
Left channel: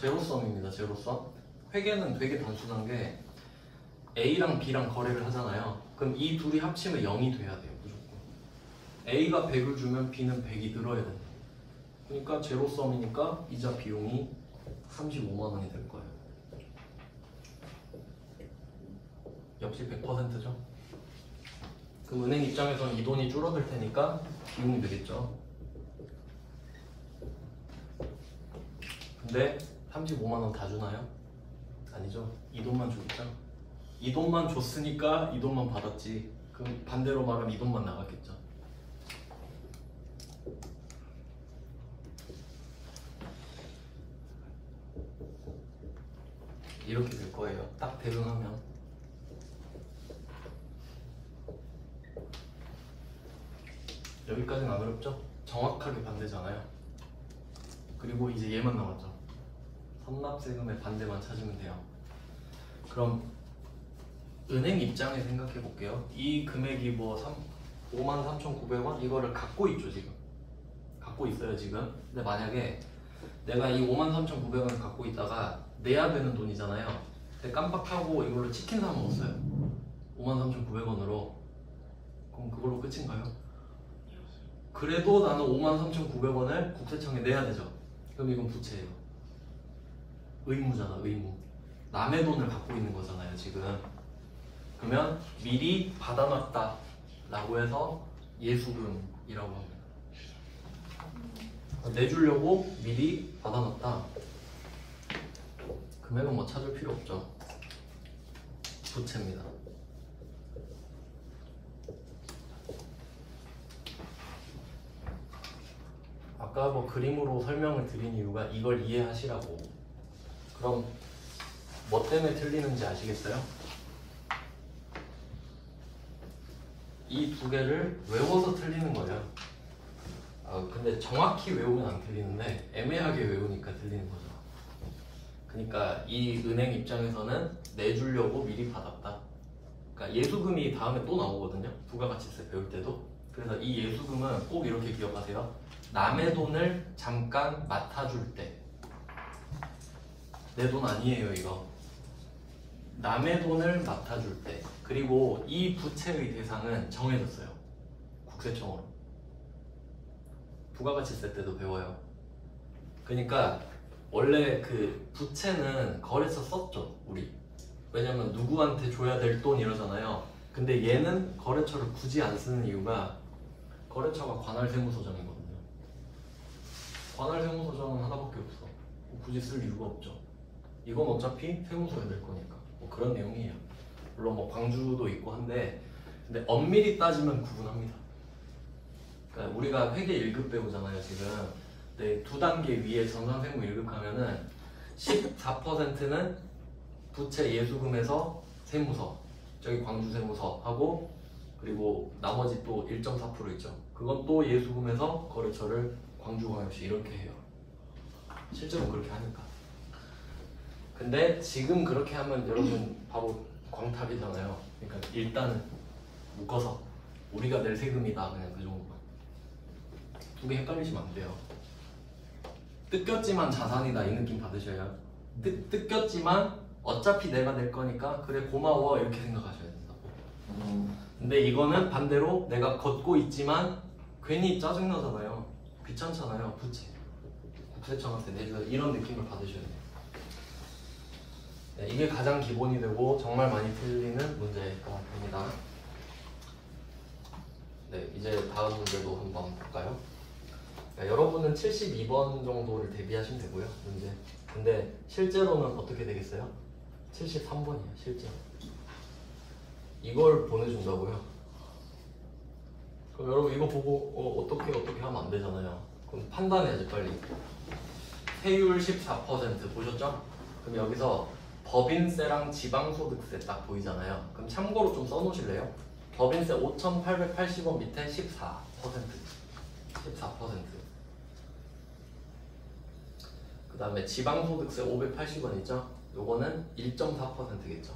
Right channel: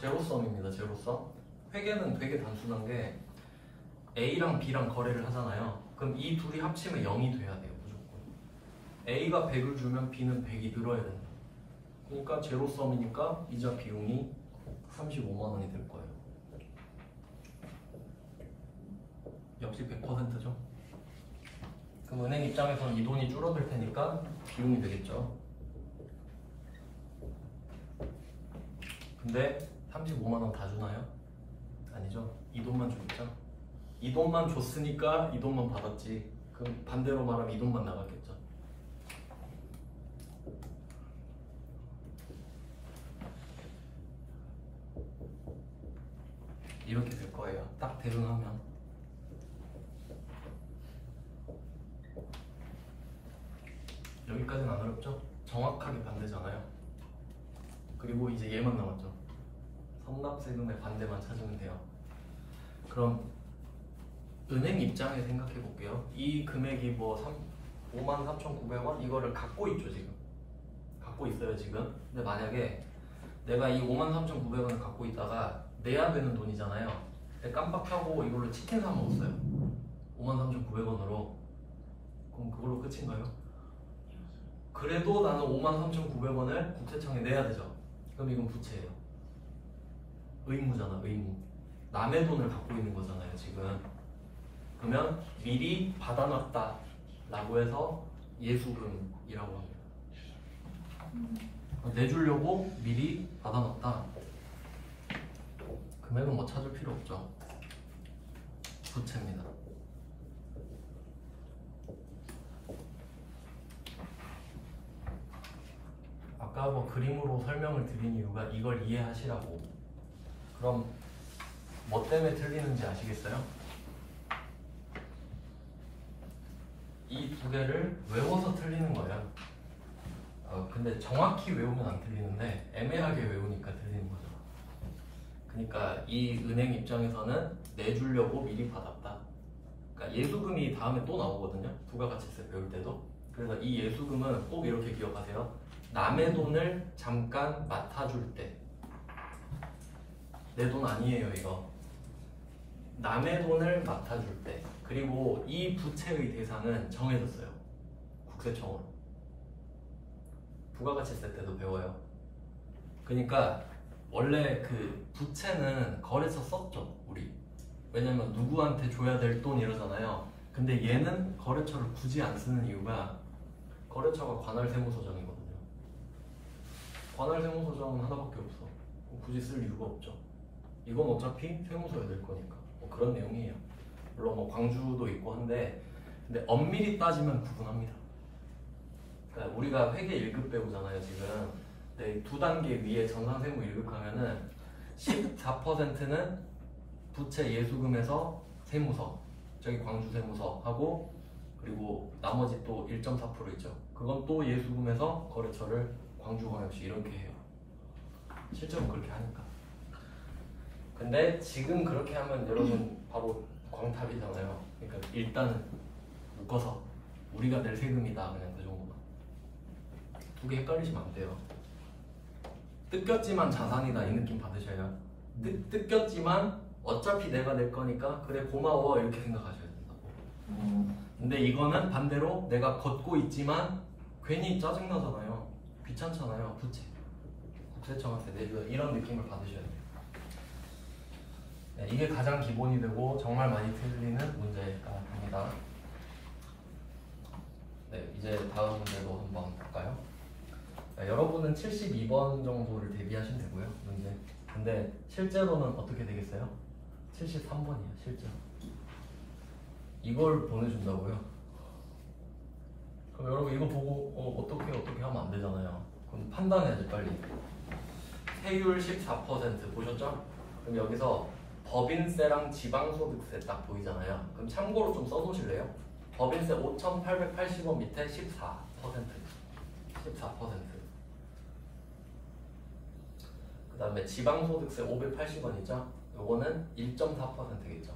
제로섬입니다. 제로섬. 회계는 되게 단순한 게 A랑 B랑 거래를 하잖아요. 그럼 이 둘이 합치면 0이 돼야 돼요. 무조건. A가 100을 주면 B는 100이 늘어야 된다. 그러니까 제로섬이니까 이자 비용이 35만 원이 될 거예요. 역시 100%죠. 그럼 은행 입장에서는 이 돈이 줄어들 테니까 비용이 되겠죠. 근데 35만 원 다 주나요? 아니죠. 이 돈만 주겠죠. 이 돈만 줬으니까 이 돈만 받았지. 그럼 반대로 말하면 이 돈만 나갔겠죠. 이렇게 될 거예요. 딱 대응하면. 여기까지는 안 어렵죠? 정확하게 반대잖아요. 그리고 이제 얘만 남았죠. 선납세금의 반대만 찾으면 돼요. 그럼 은행 입장에 생각해 볼게요. 이 금액이 뭐 53,900원 이거를 갖고 있죠 지금. 갖고 있어요 지금. 근데 만약에 내가 이 53,900원을 갖고 있다가 내야 되는 돈이잖아요. 근데 깜빡하고 이걸로 치킨 사 먹었어요. 53,900원으로. 그럼 그걸로 끝인가요? 그래도 나는 53,900원을 국세청에 내야 되죠. 그럼 이건 부채예요. 의무잖아, 의무. 남의 돈을 갖고 있는 거잖아요, 지금. 그러면 미리 받아놨다 라고 해서 예수금이라고 합니다. 내주려고 미리 받아놨다. 금액은 뭐 찾을 필요 없죠. 부채입니다. 아까 뭐 그림으로 설명을 드린 이유가 이걸 이해하시라고. 그럼 뭐 때문에 틀리는지 아시겠어요? 이 두 개를 외워서 틀리는 거예요. 근데 정확히 외우면 안 틀리는데 애매하게 외우니까 틀리는 거죠. 그러니까 이 은행 입장에서는 내주려고 미리 받았다. 그러니까 예수금이 다음에 또 나오거든요. 부가가치세 배울 때도. 그래서 이 예수금은 꼭 이렇게 기억하세요. 남의 돈을 잠깐 맡아줄 때. 내 돈 아니에요 이거. 남의 돈을 맡아줄 때. 그리고 이 부채의 대상은 정해졌어요. 국세청으로. 부가가치세 때도 배워요. 그러니까 원래 그 부채는 거래처 썼죠 우리. 왜냐면 누구한테 줘야 될 돈 이러잖아요. 근데 얘는 거래처를 굳이 안 쓰는 이유가 거래처가 관할세무서정이거든요. 관할세무서정은 하나밖에 없어. 굳이 쓸 이유가 없죠. 이건 어차피 세무서에 낼 거니까. 뭐 그런 내용이에요. 물론 뭐 광주도 있고 한데, 근데 엄밀히 따지면 구분합니다. 그러니까 우리가 회계 1급 배우잖아요 지금. 네, 두 단계 위에 전산세무 1급 하면은 14%는 부채 예수금에서 세무서, 저기 광주세무서 하고, 그리고 나머지 또 1.4% 있죠. 그건 또 예수금에서 거래처를 광주광역시 이렇게 해요. 실제로 그렇게 하니까. 근데 지금 그렇게 하면 여러분 바로 광탈이잖아요. 그러니까 일단 묶어서 우리가 낼 세금이다 그냥 그 정도만. 두 개 헷갈리시면 안 돼요. 뜯겼지만 자산이다 이 느낌 받으셔요. 뜯겼지만 어차피 내가 낼 거니까 그래 고마워 이렇게 생각하셔야 된다고. 근데 이거는 반대로 내가 걷고 있지만 괜히 짜증나잖아요. 귀찮잖아요. 부채. 국세청한테 내서 이런 느낌을 받으셔야 돼요. 네, 이게 가장 기본이 되고 정말 많이 틀리는 문제입니다. 네, 이제 다음 문제도 한번 볼까요? 여러분은 72번 정도를 대비하시면 되고요, 문제. 근데 실제로는 어떻게 되겠어요? 73번이에요, 실제로. 이걸 보내준다고요? 그럼 여러분 이거 보고 어떻게 하면 안 되잖아요. 그럼 판단해야지 빨리. 세율 14% 보셨죠? 그럼 여기서 법인세랑 지방소득세 딱 보이잖아요. 그럼 참고로 좀 써놓으실래요? 법인세 5,880원 밑에 14%. 14%. 그 다음에 지방소득세 580원 있죠? 요거는 1.4%겠죠.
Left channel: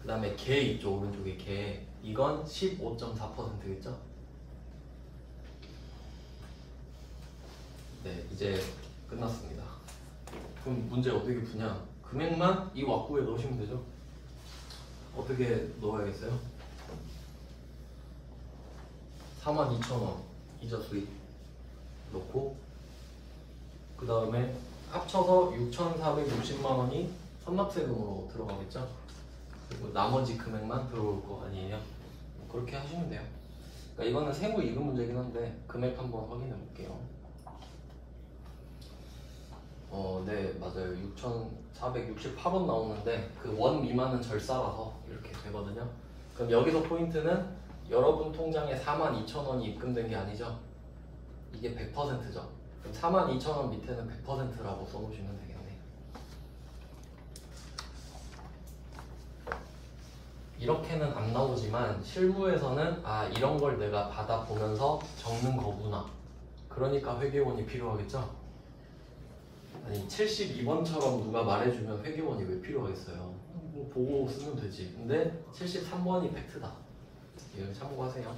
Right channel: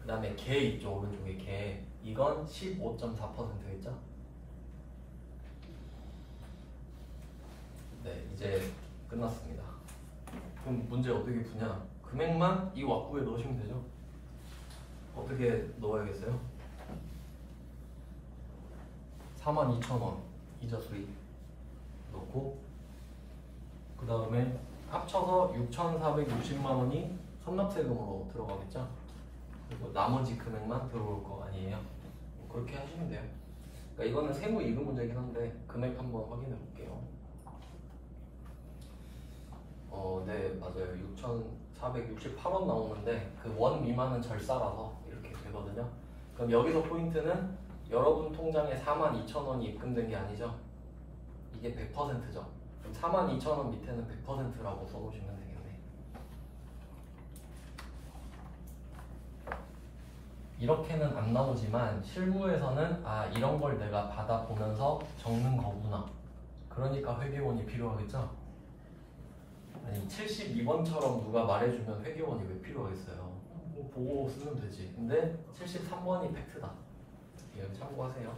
그 다음에 개 있죠, 오른쪽에 개. 이건 15.4%겠죠. 네, 이제 끝났습니다. 그럼 문제 어떻게 푸냐? 금액만 이 왁구에 넣으시면 되죠. 어떻게 넣어야겠어요? 42,000원 이자 수익 넣고 그 다음에 합쳐서 6,460만 원이 선납세금으로 들어가겠죠? 그리고 나머지 금액만 들어올 거 아니에요? 그렇게 하시면 돼요. 그러니까 이거는 세무 이금 문제긴 한데 금액 한번 확인해 볼게요. 네 맞아요. 6,468원 나오는데 그 원 미만은 절사라서 이렇게 되거든요. 그럼 여기서 포인트는 여러분 통장에 42,000원이 입금된 게 아니죠? 이게 100%죠. 그럼 42,000원 밑에는 100%라고 써놓으시면 되겠네. 이렇게는 안 나오지만 실무에서는 아 이런 걸 내가 받아보면서 적는 거구나. 그러니까 회계원이 필요하겠죠? 아니 72번처럼 누가 말해주면 회계원이 왜 필요하겠어요? 뭐 보고 쓰면 되지. 근데 73번이 팩트다. 이건 참고하세요.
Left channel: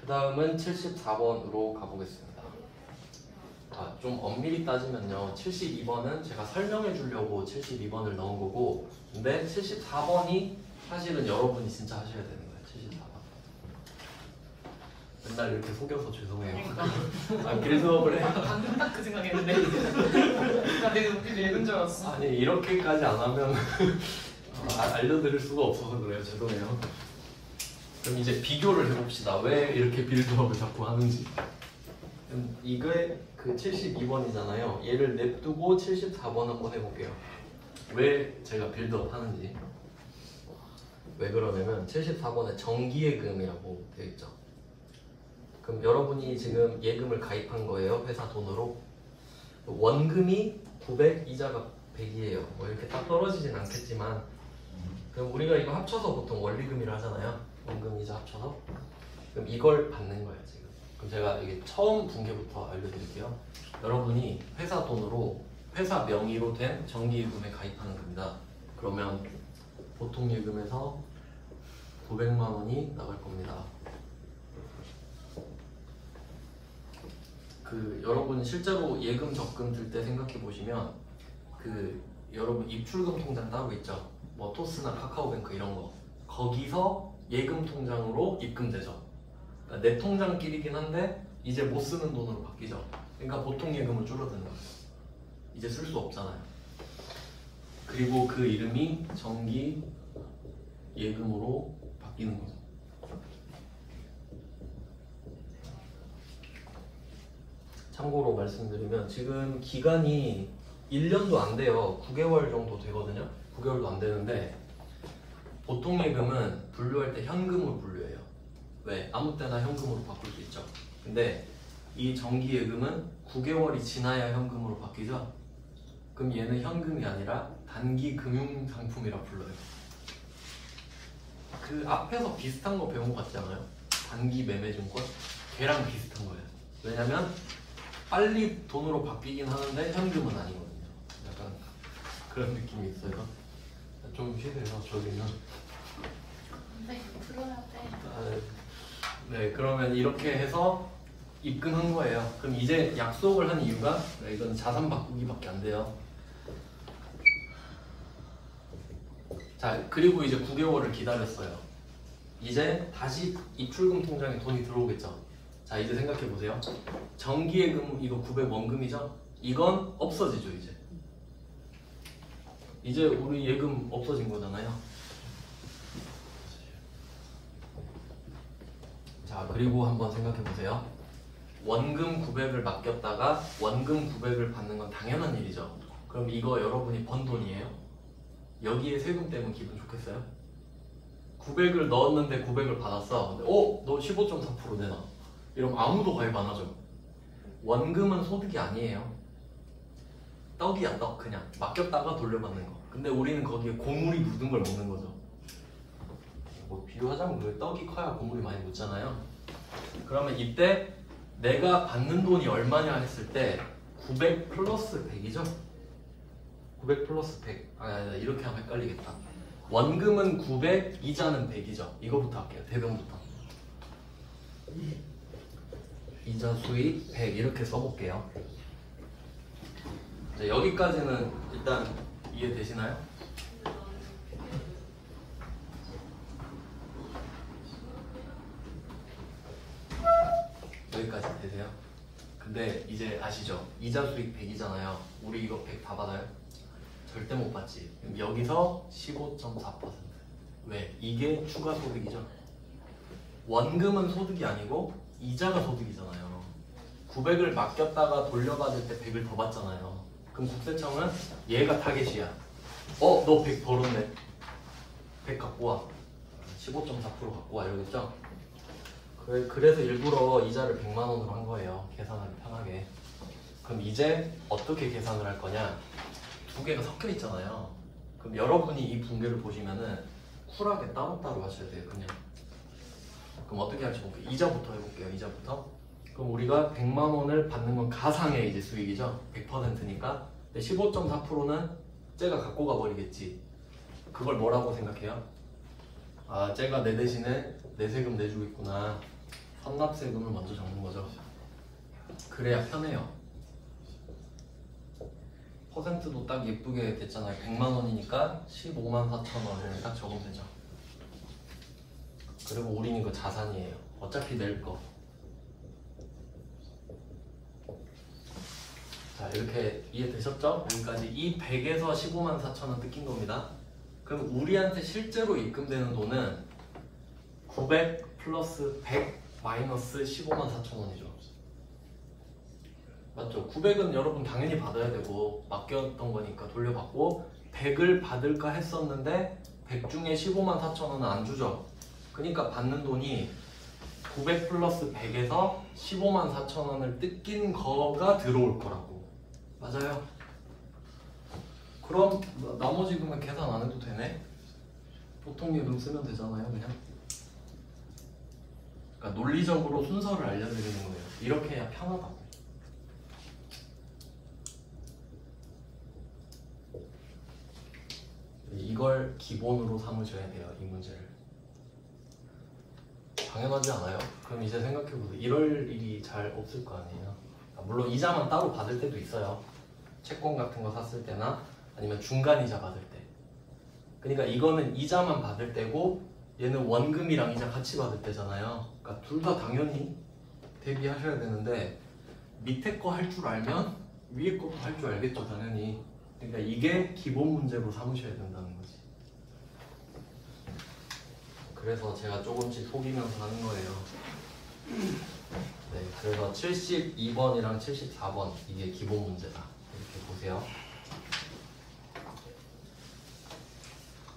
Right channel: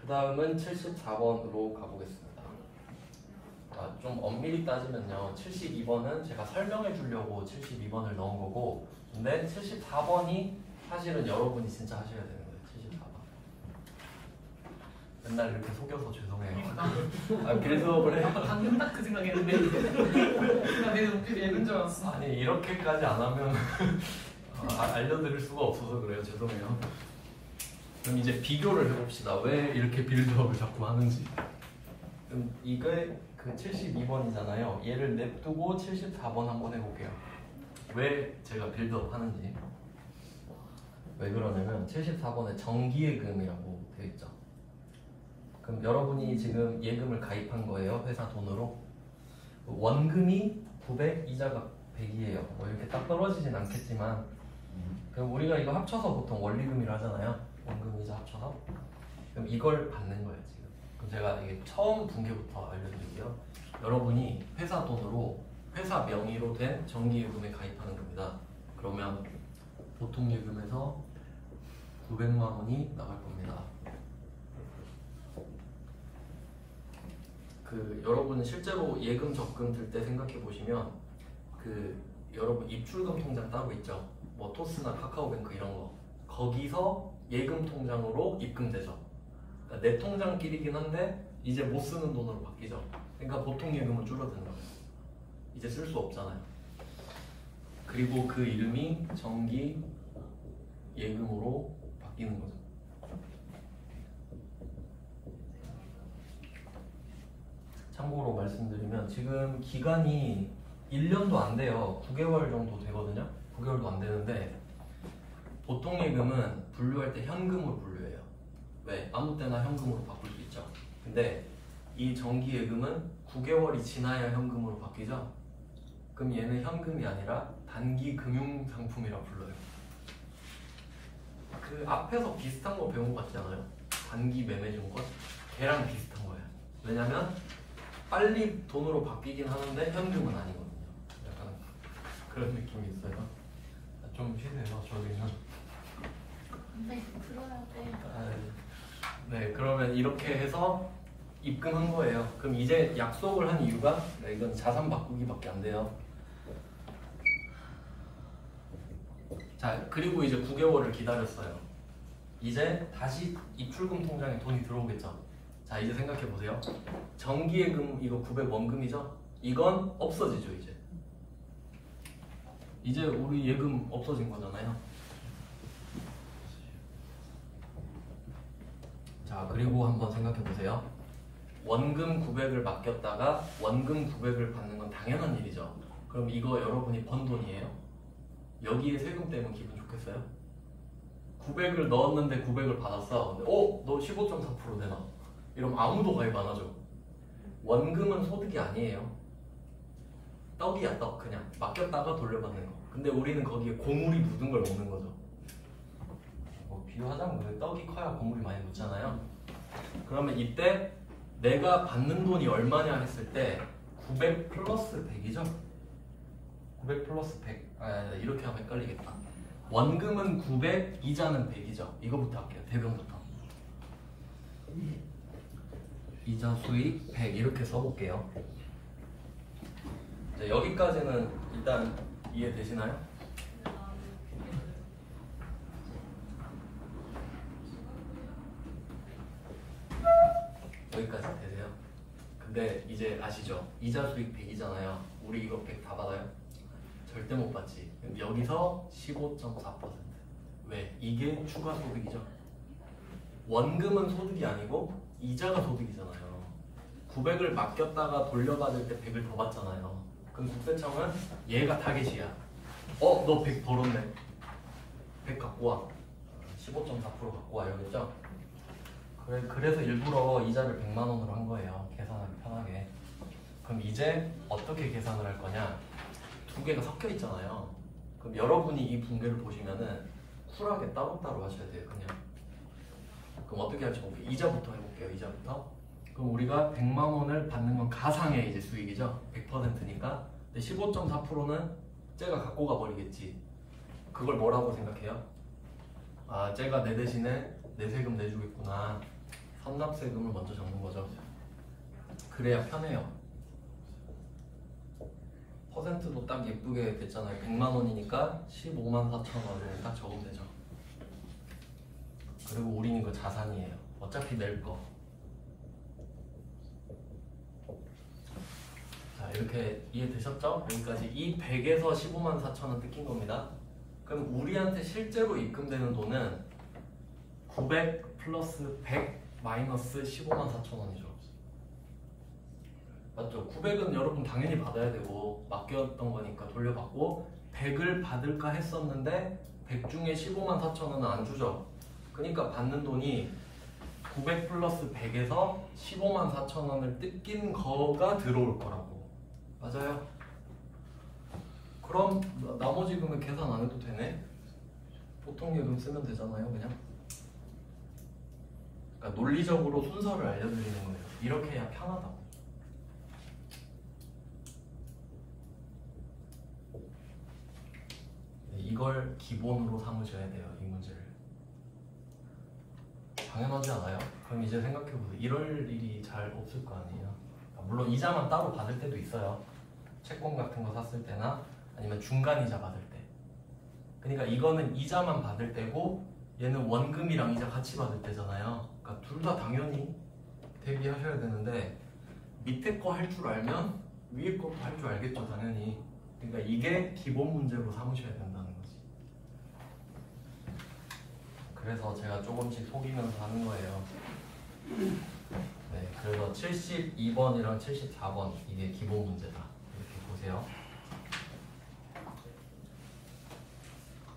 그 다음은 74번으로 가보겠습니다. 좀 엄밀히 따지면요 72번은 제가 설명해 주려고 72번을 넣은 거고 근데 74번이 사실은 여러분이 진짜 하셔야 되는 거예요. 74번 맨날 이렇게 속여서 죄송해요. 그러니까 그래서 그래. 방금 딱 그 생각했는데 나 내가 웃기게 읽은 줄 알았어. 아니 이렇게까지 안 하면 알려드릴 수가 없어서 그래요. 죄송해요. 그럼 이제 비교를 해봅시다. 왜 이렇게 빌드업을 자꾸 하는지. 이게 그 72번이잖아요. 얘를 냅두고 74번 한번 해볼게요. 왜 제가 빌드업 하는지. 왜 그러냐면 74번에 정기예금이라고 되어 있죠. 그럼 여러분이 지금 예금을 가입한 거예요. 회사 돈으로. 원금이 900, 이자가 100이에요. 뭐 이렇게 딱 떨어지진 않겠지만 그럼 우리가 이거 합쳐서 보통 원리금이라 하잖아요. 원금 이자 합쳐서. 그럼 이걸 받는 거예요 지금. 그럼 제가 이게 처음 분계부터 알려드릴게요. 여러분이 회사 돈으로 회사 명의로 된 정기예금에 가입하는 겁니다. 그러면 보통 예금에서 900만 원이 나갈 겁니다. 그 여러분 실제로 예금 적금 들 때 생각해 보시면 그 여러분 입출금 통장 따로 있죠. 뭐 토스나 카카오뱅크 이런 거 거기서 예금 통장으로 입금되죠. 그러니까 내 통장끼리긴 한데 이제 못 쓰는 돈으로 바뀌죠. 그러니까 보통 예금으로 줄어드는 거예요. 이제 쓸 수 없잖아요. 그리고 그 이름이 정기 예금으로 바뀌는 거죠. 참고로 말씀드리면 지금 기간이 1년도 안 돼요. 9개월 정도 되거든요. 9개월도 안 되는데 보통 예금은 분류할 때 현금으로 분류해요. 왜? 아무 때나 현금으로 바뀔 수 있죠. 근데 이 정기 예금은 9개월이 지나야 현금으로 바뀌죠. 그럼 얘는 현금이 아니라 단기 금융 상품이라 불러요. 그 앞에서 비슷한 거 배운 거 같지 않아요? 단기 매매 증권? 걔랑 비슷한 거예요. 왜냐면 빨리 돈으로 바뀌긴 하는데 현금은 아니거든요. 약간 그런 느낌이 있어요. 좀 쉬세요, 저기는. 네, 풀어야 돼. 네, 그러면 이렇게 해서 입금한 거예요. 그럼 이제 약속을 한 이유가 이건 자산 바꾸기밖에 안 돼요. 자, 그리고 이제 9개월을 기다렸어요. 이제 다시 입출금 통장에 돈이 들어오겠죠. 자, 이제 생각해 보세요. 정기예금 이거 900 원금이죠? 이건 없어지죠, 이제. 이제 우리 예금 없어진 거잖아요. 자, 그리고 한번 생각해 보세요. 원금 900을 맡겼다가 원금 900을 받는 건 당연한 일이죠. 그럼 이거 여러분이 번 돈이에요. 여기에 세금 떼면 기분 좋겠어요? 900을 넣었는데 900을 받았어. 너 15.4% 내놔. 이러면 아무도 가입 안 하죠. 원금은 소득이 아니에요. 떡이야, 떡. 그냥 맡겼다가 돌려받는 거. 근데 우리는 거기에 고물이 묻은 걸 먹는 거죠. 뭐 비유하자면 그 떡이 커야 고물이 많이 묻잖아요. 그러면 이때 내가 받는 돈이 얼마냐 했을 때 900 플러스 100이죠? 900 플러스 100. 아니, 이렇게 하면 헷갈리겠다. 원금은 900, 이자는 100이죠. 이거부터 할게요. 대변부터. 이자 수익 100 이렇게 써볼게요. 자, 여기까지는 일단 이해되시나요? 여기까지 되세요? 근데 이제 아시죠? 이자 수익 100이잖아요. 우리 이거 100 다 받아요? 절대 못 받지. 그럼 여기서 15.4%. 왜? 이게 추가 소득이죠. 원금은 소득이 아니고 이자가 소득이잖아요. 900을 맡겼다가 돌려받을 때 100을 더 받잖아요. 그럼 국세청은 얘가 타겟이야. 너 100 벌었네. 100 갖고 와. 15.4% 갖고 와. 이러겠죠? 그래서 일부러 이자를 100만 원으로 한 거예요. 계산하기 편하게. 그럼 이제 어떻게 계산을 할 거냐? 두 개가 섞여 있잖아요. 그럼 여러분이 이 분배를 보시면은 쿨하게 따로따로 하셔야 돼요. 그냥. 그럼 어떻게 할지 볼게요. 이자부터 해볼게요. 이자부터. 그럼 우리가 100만 원을 받는 건 가상의 이제 수익이죠. 100%니까. 근데 15.4%는 쟤가 갖고 가버리겠지. 그걸 뭐라고 생각해요? 아, 쟤가 내 대신에 내 세금 내주고 있구나. 선납세금을 먼저 적는 거죠. 그래야 편해요. 퍼센트도 딱 예쁘게 됐잖아요. 100만 원이니까 15만 4천 원을 딱 적으면 되죠. 그리고 우리는 이거 자산이에요. 어차피 낼 거. 자, 이렇게 이해되셨죠? 여기까지 이 100에서 15만 4천 원 뜯긴 겁니다. 그럼 우리한테 실제로 입금되는 돈은 900 플러스 100 마이너스 15만 4천 원이죠. 맞죠? 900은 여러분 당연히 받아야 되고 맡겼던 거니까 돌려받고 100을 받을까 했었는데 100 중에 15만 4천 원은 안 주죠. 그러니까 받는 돈이 900 플러스 100에서 15만 4천 원을 뜯긴 거가 들어올 거라고. 맞아요? 그럼 나머지 금액 계산 안 해도 되네? 보통 예금 쓰면 되잖아요, 그냥. 그러니까 논리적으로 순서를 알려드리는 거예요. 이렇게 해야 편하다고. 이걸 기본으로 삼으셔야 돼요, 이 문제를. 당연하지 않아요? 그럼 이제 생각해보세요. 이럴 일이 잘 없을 거 아니에요. 물론 이자만 따로 받을 때도 있어요. 채권 같은 거 샀을 때나 아니면 중간 이자 받을 때. 그러니까 이거는 이자만 받을 때고 얘는 원금이랑 이자 같이 받을 때잖아요. 그러니까 둘 다 당연히 대비하셔야 되는데 밑에 거 할 줄 알면 위에 것도 할 줄 알겠죠, 당연히. 그러니까 이게 기본 문제로 삼으셔야 된다는 거지. 그래서 제가 조금씩 속이면서 하는 거예요. 네, 그래서 72번이랑 74번 이게 기본 문제다. 이렇게 보세요.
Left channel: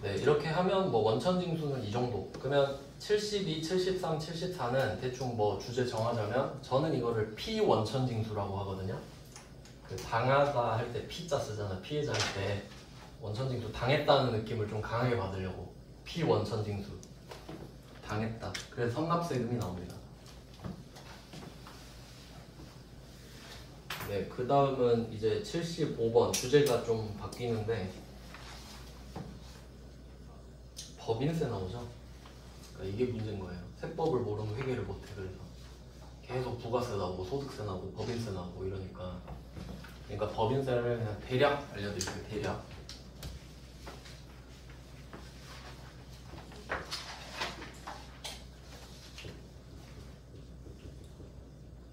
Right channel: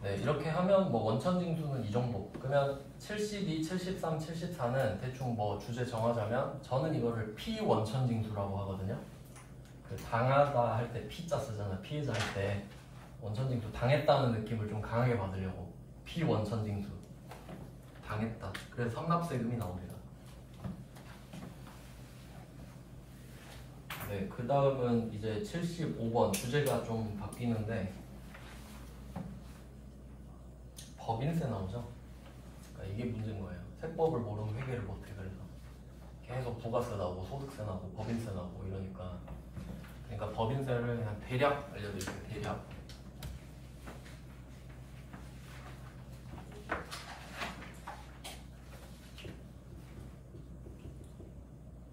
네, 이렇게 하면 뭐 원천징수는 이 정도. 그러면 72, 73, 74는 대충 뭐 주제 정하자면 저는 이거를 피원천징수라고 하거든요. 그 당하다 할 때 피자 쓰잖아. 피해자 할 때 원천징수 당했다는 느낌을 좀 강하게 받으려고 피원천징수 당했다. 그래서 선납세금이 나옵니다. 네, 그 다음은 이제 75번 주제가 좀 바뀌는데 법인세 나오죠. 그러니까 이게 문제인 거예요. 세법을 모르는 회계를 못해. 그래서 계속 부가세 나오고 소득세 나오고 법인세 나오고 이러니까. 그러니까 법인세를 그냥 대략 알려드릴게요. 대략.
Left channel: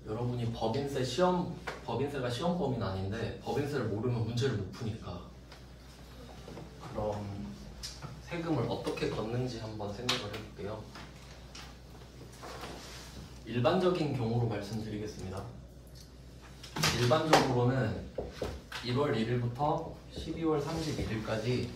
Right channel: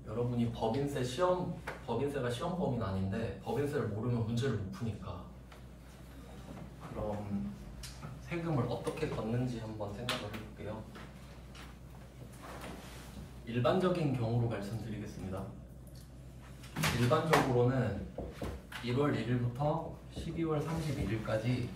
여러분이 법인세가 시험 범위는 아닌데 법인세를 모르면 문제를 못 푸니까. 그럼 세금을 어떻게 걷는지 한번 생각을 해볼게요. 일반적인 경우로 말씀드리겠습니다. 일반적으로는 1월 1일부터 12월 31일까지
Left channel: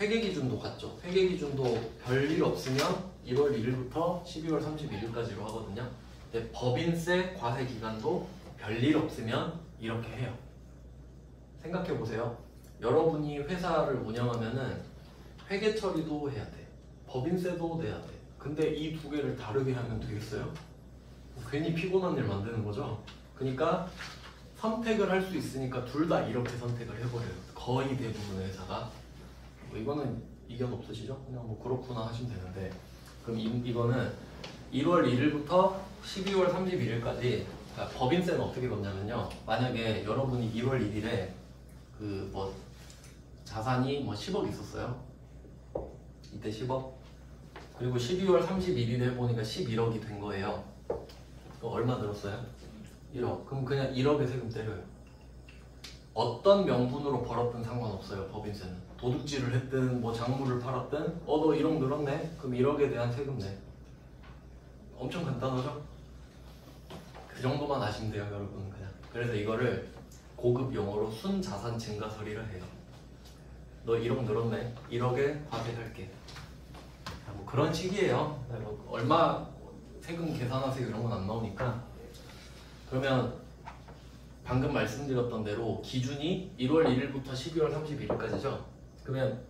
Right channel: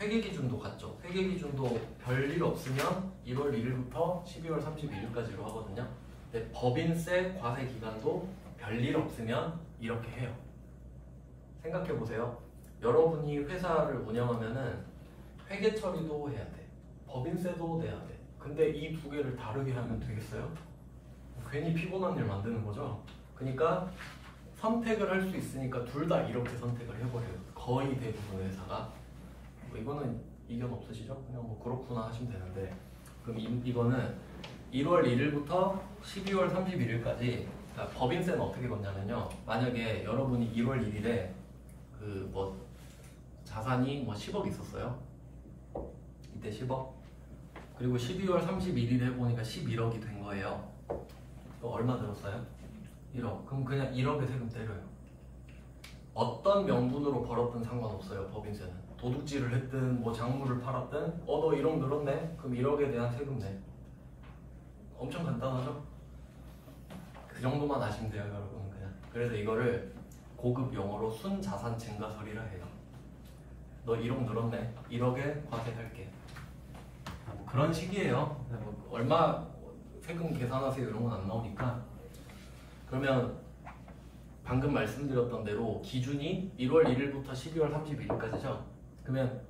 회계기준도 같죠. 회계기준도 별일 없으면 1월 1일부터 12월 31일까지로 하거든요. 근데 법인세 과세 기간도 별일 없으면 이렇게 해요. 생각해보세요. 여러분이 회사를 운영하면은 회계 처리도 해야 돼. 법인세도 내야 돼. 근데 이 두 개를 다르게 하면 되겠어요? 괜히 피곤한 일 만드는 거죠. 그러니까 선택을 할 수 있으니까 둘 다 이렇게 선택을 해버려요. 거의 대부분의 회사가. 뭐 이거는 이견 없으시죠? 그냥 뭐 그렇구나 하시면 되는데. 그럼 이거는 1월 1일부터 12월 31일까지 법인세는 어떻게 걷냐면요. 만약에 여러분이 1월 1일에 그 뭐 자산이 뭐 10억 있었어요. 이때 10억. 그리고 12월 31일에 해보니까 11억이 된 거예요. 그럼 얼마 늘었어요? 1억. 그럼 그냥 1억에 세금 때려요. 어떤 명분으로 벌었든 상관없어요. 법인세는. 도둑질을 했든 뭐 작물을 팔았든 너 1억 늘었네? 그럼 1억에 대한 세금 내. 엄청 간단하죠? 그 정도만 아시면 돼요, 여러분. 그냥. 그래서 이거를 고급 용어로 순자산 증가설이라 해요. 너 1억 늘었네? 1억에 과세할게. 뭐 그런 식이에요. 얼마 세금 계산하세요 이런 건 안 나오니까. 그러면 방금 말씀드렸던 대로 기준이 1월 1일부터 12월 31일까지죠. 그러면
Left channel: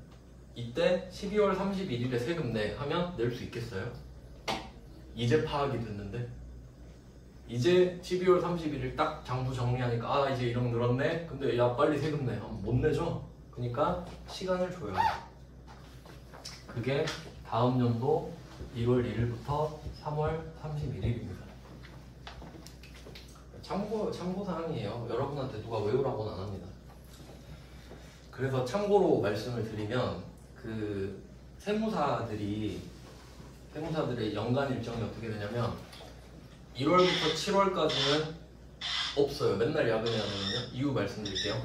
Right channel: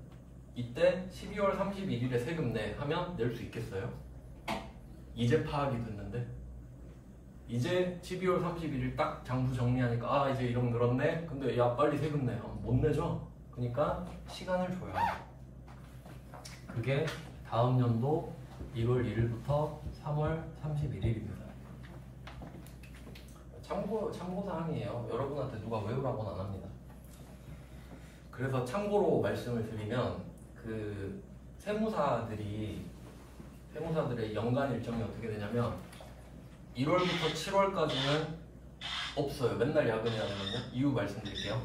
이때 12월 31일에 세금 내 하면 낼 수 있겠어요? 이제 파악이 됐는데 이제 12월 31일 딱 장부 정리하니까 이제 1억 늘었네? 근데 야 빨리 세금 내. 못 내죠? 그러니까 시간을 줘요. 그게 다음 연도 1월 1일부터 3월 31일입니다. 참고사항이에요. 여러분한테 누가 외우라고는 안 합니다. 그래서 참고로 말씀을 드리면 그 세무사들의 연간 일정이 어떻게 되냐면 1월부터 7월까지는 없어요. 맨날 야근해야 되거든요. 이유 말씀드릴게요.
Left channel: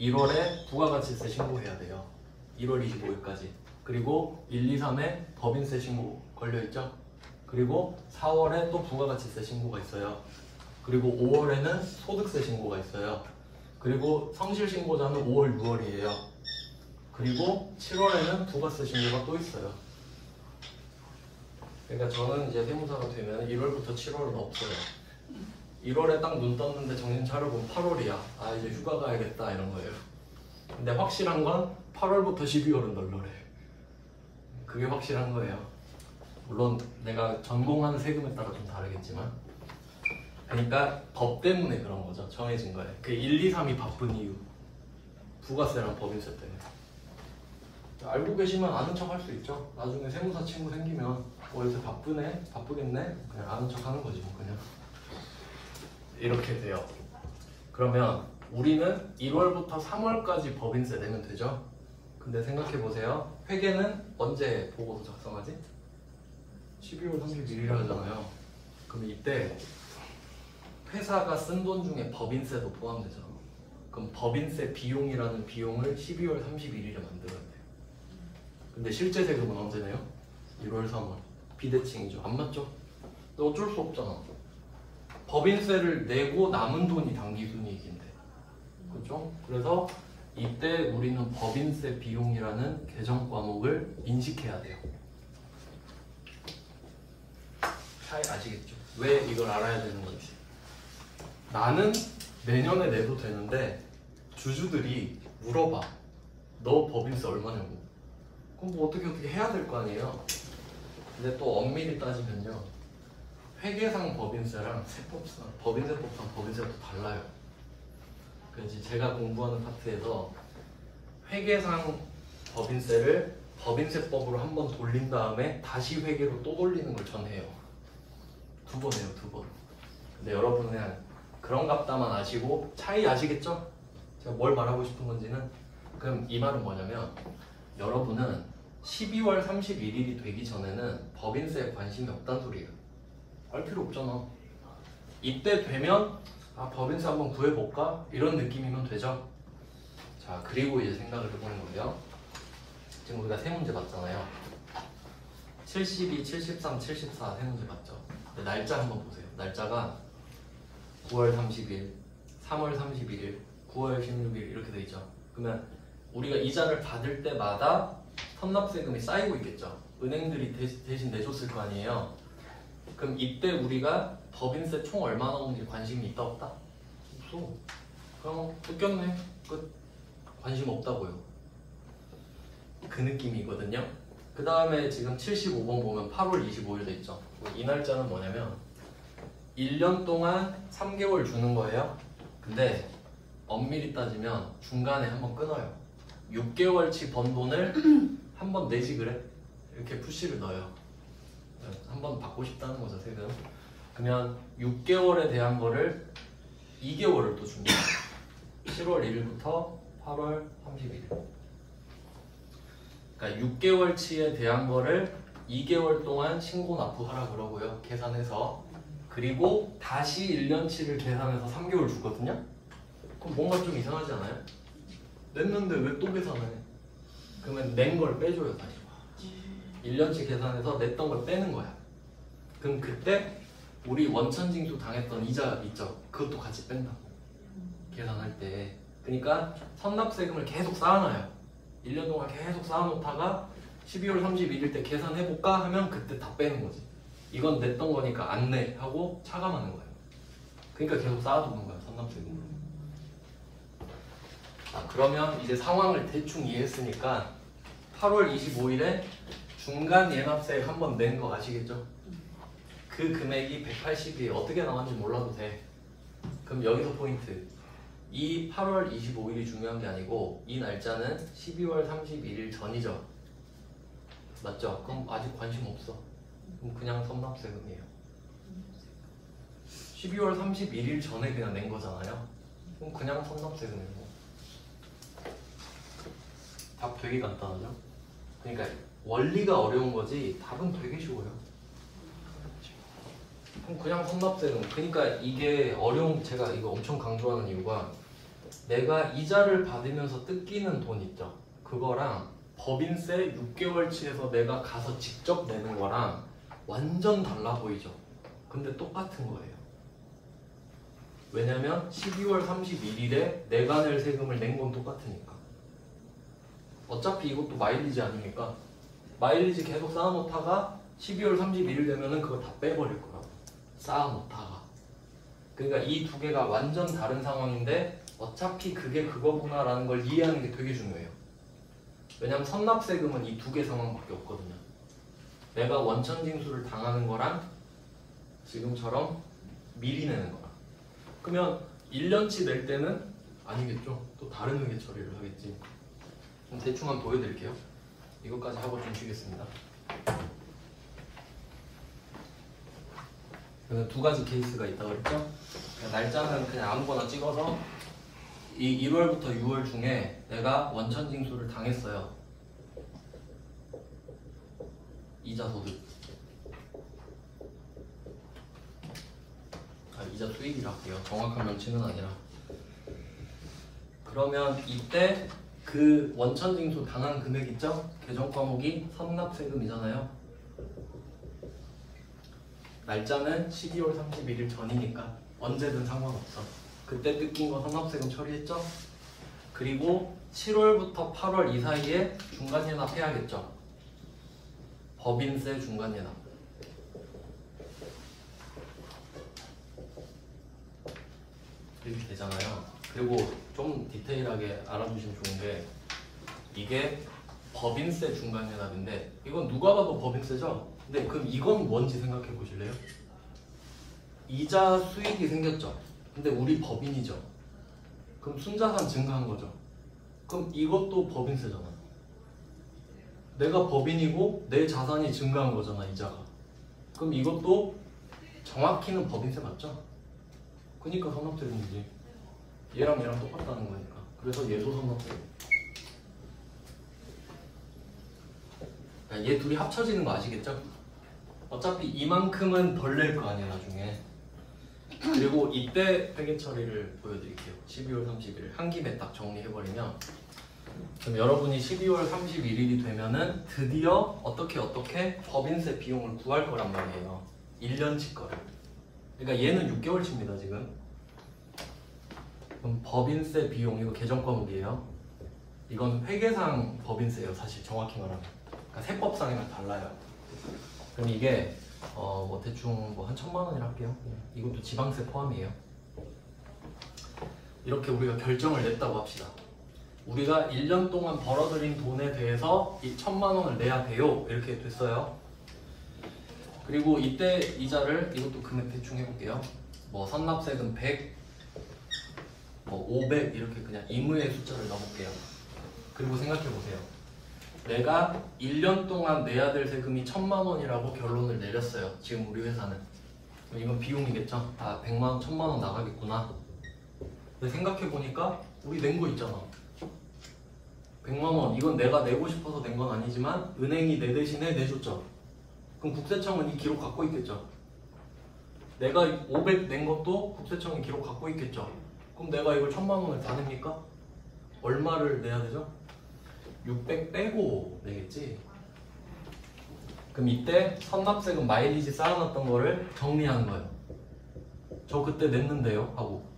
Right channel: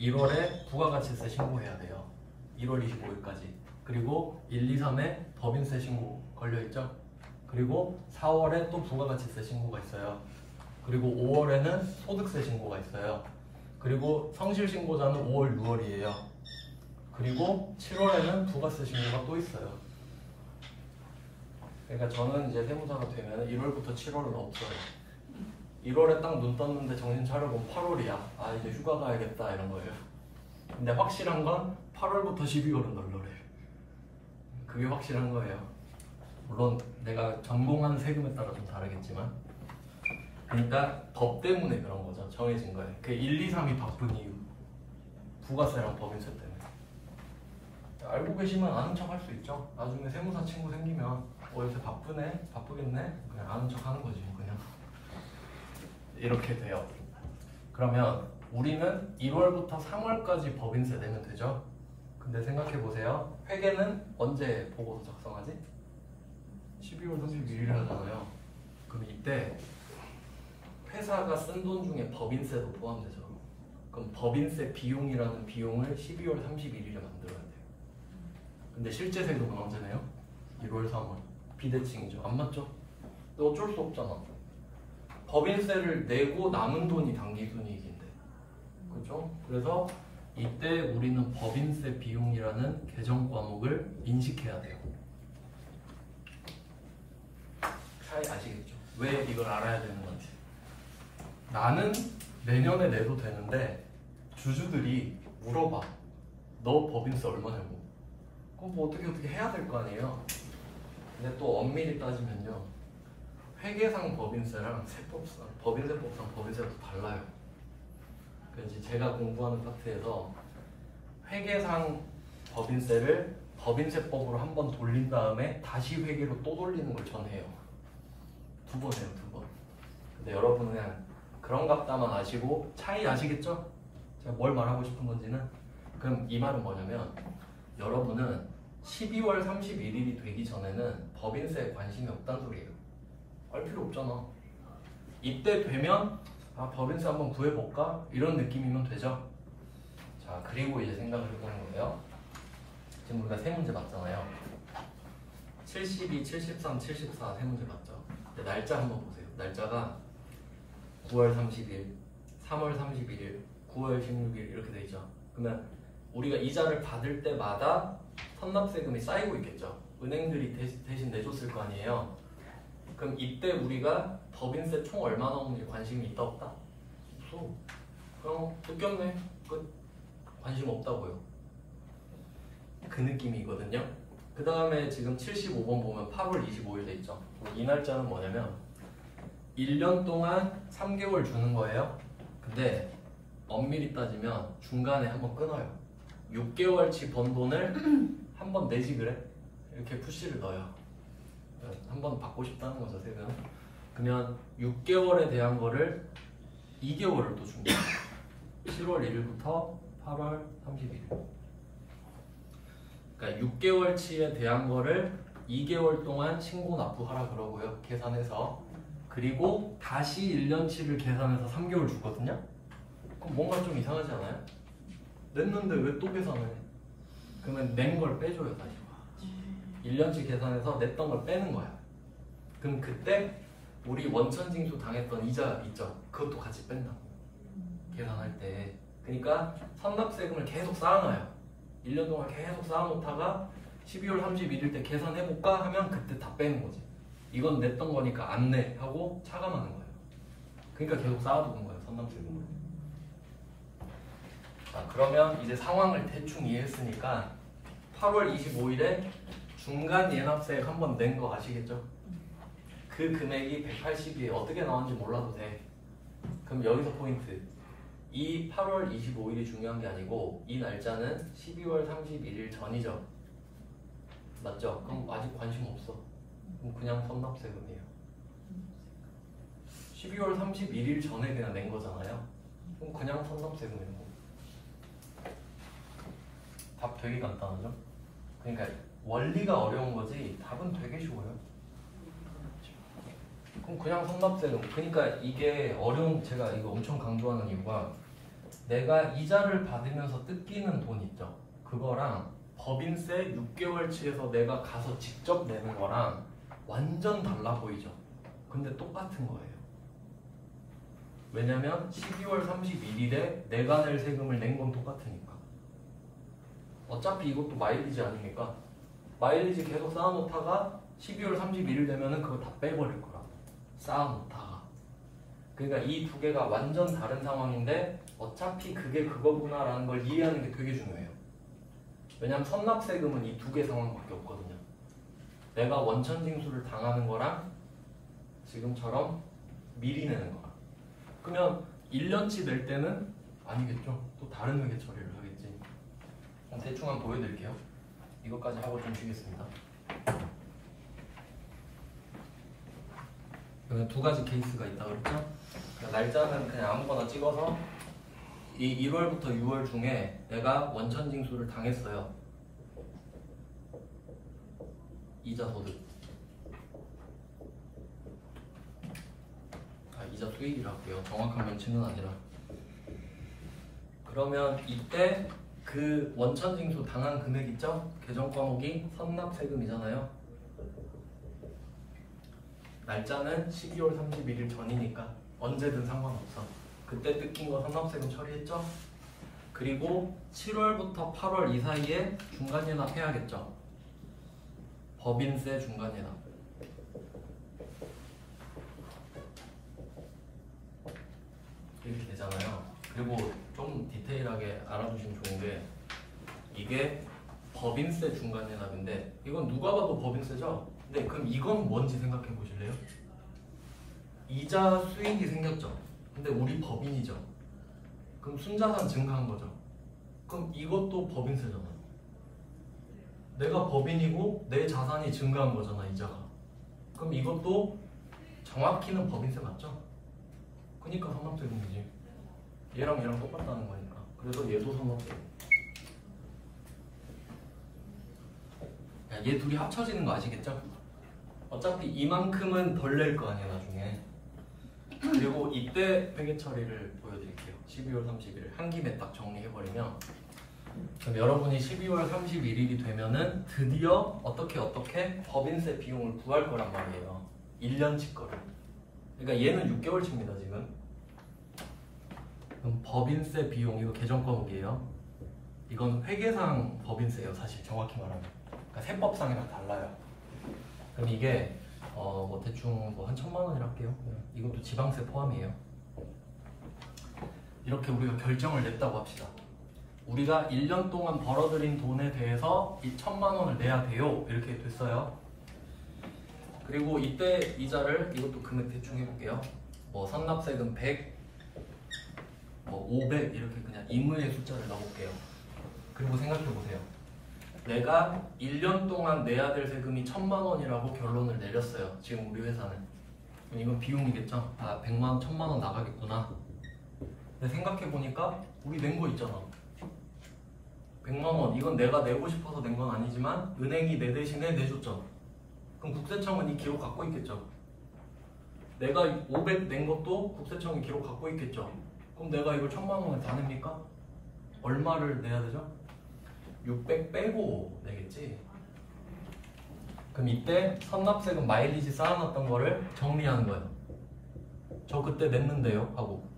1월에 부가가치세 신고해야 돼요. 1월 25일까지. 그리고 1, 2, 3에 법인세 신고 걸려있죠. 그리고 4월에 또 부가가치세 신고가 있어요. 그리고 5월에는 소득세 신고가 있어요. 그리고 성실신고자는 5월, 6월이에요. 그리고 7월에는 부가세 신고가 또 있어요. 그러니까 저는 이제 세무사가 되면 1월부터 7월은 없어요. 1월에 딱 눈 떴는데 정신 차려보면 8월이야. 이제 휴가 가야겠다 이런 거예요. 근데 확실한 건 8월부터 12월은 널널해. 그게 확실한 거예요. 물론 내가 전공하는 세금에 따라 좀 다르겠지만. 그러니까 법 때문에 그런 거죠. 정해진 거예요. 그 1, 2, 3이 바쁜 이유. 부가세랑 법인세 때문에. 알고 계시면 아는 척 할 수 있죠. 나중에 세무사 친구 생기면 요새 바쁘네? 바쁘겠네? 그냥 아는 척 하는 거지 뭐 그냥. 이렇게 돼요. 그러면 우리는 1월부터 3월까지 법인세 내면 되죠? 근데 생각해보세요. 회계는 언제 보고서 작성하지? 12월 31일에 하잖아요. 그럼 이때 회사가 쓴 돈 중에 법인세도 포함되죠. 그럼 법인세 비용이라는 비용을 12월 31일에 만들어야 돼요. 근데 실제 세금은 언제 내요? 1월 3월. 비대칭이죠. 안 맞죠? 근데 어쩔 수 없잖아. 법인세를 내고 남은 돈이 당기순이익인데. 그렇죠? 그래서 이때 우리는 법인세 비용이라는 개정 과목을 인식해야 돼요. 차이 아시겠죠? 왜 이걸 알아야 되는 건지. 나는 내년에 내도 되는데 주주들이 물어봐. 너 법인세 얼마 내고? 그럼 뭐 어떻게 해야 될 거 아니에요? 근데 또 엄밀히 따지면요. 회계상 법인세랑 세법상, 법인세법상 법인세가 또 달라요. 그래서 제가 공부하는 파트에서 회계상 법인세를 법인세법으로 한 번 돌린 다음에 다시 회계로 또 돌리는 걸 전해요. 2번 해요, 2번. 근데 여러분은 그런갑다만 아시고 차이 아시겠죠? 제가 뭘 말하고 싶은 건지는. 그럼 이 말은 뭐냐면 여러분은 12월 31일이 되기 전에는 법인세에 관심이 없단 소리예요. 알 필요 없잖아. 이때 되면 법인세 한번 구해볼까? 이런 느낌이면 되죠. 자, 그리고 이제 생각을 해보는 거예요. 지금 우리가 세 문제 봤잖아요. 72, 73, 74 세 문제 봤죠. 근데 날짜 한번 보세요. 날짜가 9월 30일, 3월 31일, 9월 16일 이렇게 돼 있죠. 그러면 우리가 이자를 받을 때마다 선납세금이 쌓이고 있겠죠. 은행들이 대신 내줬을 거 아니에요. 그럼 이때 우리가 법인세 총 얼마 나오는지 관심이 있다 없다? 없어. 그냥 웃겼네. 끝. 관심 없다고요. 그 느낌이거든요. 그 다음에 지금 75번 보면 8월 25일 돼 있죠. 이 날짜는 뭐냐면 1년 동안 3개월 주는 거예요. 근데 엄밀히 따지면 중간에 한번 끊어요. 6개월치 번 돈을 한번 내지 그래? 이렇게 푸시를 넣어요. 한번 받고 싶다는 거죠, 세금. 그러면 6개월에 대한 거를 2개월을 또 줍니다. 7월 1일부터 8월 30일. 그러니까 6개월치에 대한 거를 2개월 동안 신고 납부하라 그러고요. 계산해서. 그리고 다시 1년치를 계산해서 3개월 주거든요. 그럼 뭔가 좀 이상하지 않아요? 냈는데 왜 또 계산해? 그러면 낸 걸 빼줘요 다시. 1년치 계산해서 냈던 걸 빼는 거야. 그럼 그때 우리 원천징수 당했던 이자 있죠? 그것도 같이 뺀다고. 계산할 때. 그러니까 선납세금을 계속 쌓아놔요. 1년 동안 계속 쌓아놓다가 12월 31일 때 계산해볼까 하면 그때 다 빼는 거지. 이건 냈던 거니까 안 내 하고 차감하는 거예요. 그러니까 계속 쌓아두는 거예요, 선납세금을. 자, 그러면 이제 상황을 대충 이해했으니까 8월 25일에 중간 예납세액 한 번 낸 거 아시겠죠? 그 금액이 180이 어떻게 나왔는지 몰라도 돼. 그럼 여기서 포인트. 이 8월 25일이 중요한 게 아니고 이 날짜는 12월 31일 전이죠. 맞죠? 그럼 아직 관심 없어. 그럼 그냥 선납세금이에요. 12월 31일 전에 그냥 낸 거잖아요. 그럼 그냥 선납세금이고. 답 되게 간단하죠? 그러니까 원리가 어려운 거지 답은 되게 쉬워요. 그럼 그냥 선납세금. 그러니까 이게 어려운, 제가 이거 엄청 강조하는 이유가 내가 이자를 받으면서 뜯기는 돈 있죠. 그거랑 법인세 6개월치에서 내가 가서 직접 내는 거랑 완전 달라 보이죠. 근데 똑같은 거예요. 왜냐면 12월 31일에 내가 낼 세금을 낸 건 똑같으니까. 어차피 이것도 마일리지 아닙니까? 마일리지 계속 쌓아놓다가 12월 31일 되면은 그거 다 빼버릴 거라고. 쌓아놓다가. 그러니까 이 두 개가 완전 다른 상황인데 어차피 그게 그거구나라는 걸 이해하는 게 되게 중요해요. 왜냐면 선납세금은 이 두 개 상황밖에 없거든요. 내가 원천징수를 당하는 거랑 지금처럼 미리 내는 거랑. 그러면 1년치 낼 때는 아니겠죠? 또 다른 회계 처리를 하겠지. 그럼 대충 한번 보여드릴게요. 이것까지 하고 좀 쉬겠습니다. 두 가지 케이스가 있다고 그랬죠? 날짜는 그냥 아무거나 찍어서 이 1월부터 6월 중에 내가 원천징수를 당했어요. 이자 소득. 이자 수익이라 할게요. 정확한 명칭은 아니라. 그러면 이때 그 원천징수 당한 금액 있죠? 계정 과목이 선납세금이잖아요. 날짜는 12월 31일 전이니까 언제든 상관없어. 그때 뜯긴 거 선납세금 처리했죠? 그리고 7월부터 8월 이 사이에 중간예납 해야겠죠? 법인세 중간예납. 이렇게 되잖아요. 그리고 좀 디테일하게 알아주시면 좋은 게 이게 법인세 중간예납인데 이건 누가 봐도 법인세죠? 근데 그럼 이건 뭔지 생각해 보실래요? 이자 수익이 생겼죠? 근데 우리 법인이죠? 그럼 순자산 증가한 거죠? 그럼 이것도 법인세잖아. 내가 법인이고 내 자산이 증가한 거잖아, 이자가. 그럼 이것도 정확히는 법인세 맞죠? 그러니까 선납세금이지. 얘랑 얘랑 똑같다는 거니까. 그래서 얘도 선납세금. 얘 둘이 합쳐지는 거 아시겠죠? 어차피 이만큼은 덜 낼 거 아니야 나중에. 그리고 이때 회계 처리를 보여드릴게요. 12월 31일 한 김에 딱 정리해버리면, 그럼 여러분이 12월 31일이 되면은 드디어 어떻게 법인세 비용을 구할 거란 말이에요. 1년치 거를. 그러니까 얘는 6개월치입니다 지금. 그럼 법인세 비용, 이거 계정 과목이에요. 이건 회계상 법인세예요 사실 정확히 말하면. 그러니까 세법상이랑 달라요. 그럼 이게 뭐 대충 뭐 한 1,000만 원이라 할게요. 이것도 지방세 포함이에요. 이렇게 우리가 결정을 냈다고 합시다. 우리가 1년 동안 벌어들인 돈에 대해서 이 1,000만 원을 내야 돼요. 이렇게 됐어요. 그리고 이때 이자를, 이것도 금액 대충 해볼게요. 뭐 선납세금 100, 뭐 500 이렇게 그냥 임의의 숫자를 넣어볼게요. 그리고 생각해보세요. 내가 1년 동안 내야 될 세금이 1,000만 원이라고 결론을 내렸어요. 지금 우리 회사는. 그럼 이건 비용이겠죠? 아, 100만 원, 1,000만 원 나가겠구나. 근데 생각해보니까 우리 낸 거 있잖아. 100만 원 이건 내가 내고 싶어서 낸 건 아니지만 은행이 내 대신에 내줬죠. 그럼 국세청은 이 기록 갖고 있겠죠. 내가 500 낸 것도 국세청이 기록 갖고 있겠죠. 그럼 내가 이걸 1000만 원을 다 냅니까? 얼마를 내야 되죠? 600 빼고 내겠지. 그럼 이때 선납세금 마일리지 쌓아놨던 거를 정리하는 거예요. 저 그때 냈는데요 하고.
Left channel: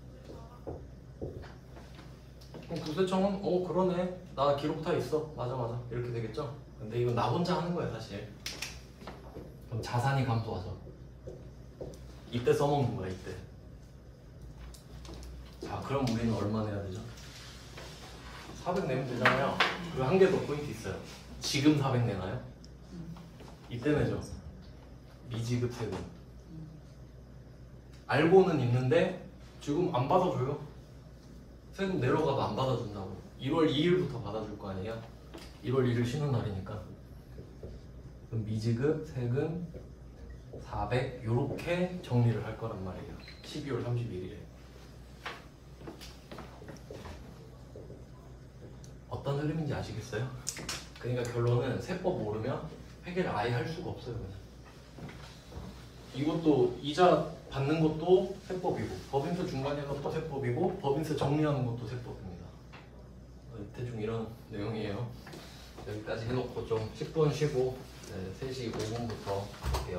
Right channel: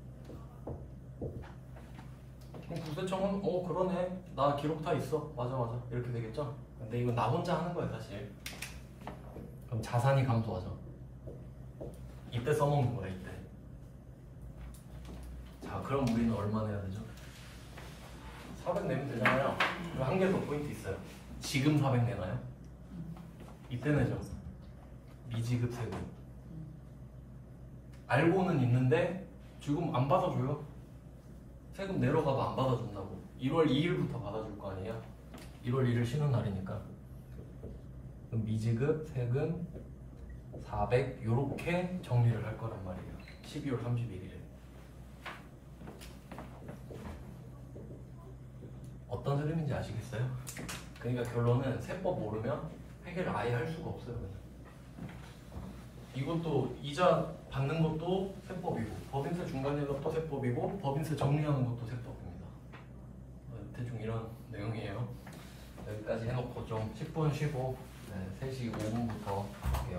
그럼 국세청은 그러네 나 기록 다 있어 맞아 이렇게 되겠죠. 근데 이건 나 혼자 하는 거예요 사실. 그럼 자산이 감소하죠. 이때 써먹는 거야 이때. 자 그럼 우리는 얼마 내야 되죠? 400 내면 되잖아요. 그리고 한 개 더 포인트 있어요. 지금 400 내나요? 이때 내죠. 미지급 세금. 알고는 있는데 지금 안 받아줘요. 세금 내러 가도 안 받아준다고. 1월 2일부터 받아줄 거 아니에요. 1월 1일 쉬는 날이니까. 그럼 미지급 세금 400 요렇게 정리를 할 거란 말이에요. 12월 31일에. 어떤 흐름인지 아시겠어요? 그러니까 결론은 세법 모르면 회계를 아예 할 수가 없어요. 이것도 이자 받는 것도 세법이고 법인세 중간에 것도 세법이고 법인세 정리하는 것도 세법입니다. 대충 이런 내용이에요. 여기까지 해놓고 좀 10분 쉬고 3시 5분부터 할게요.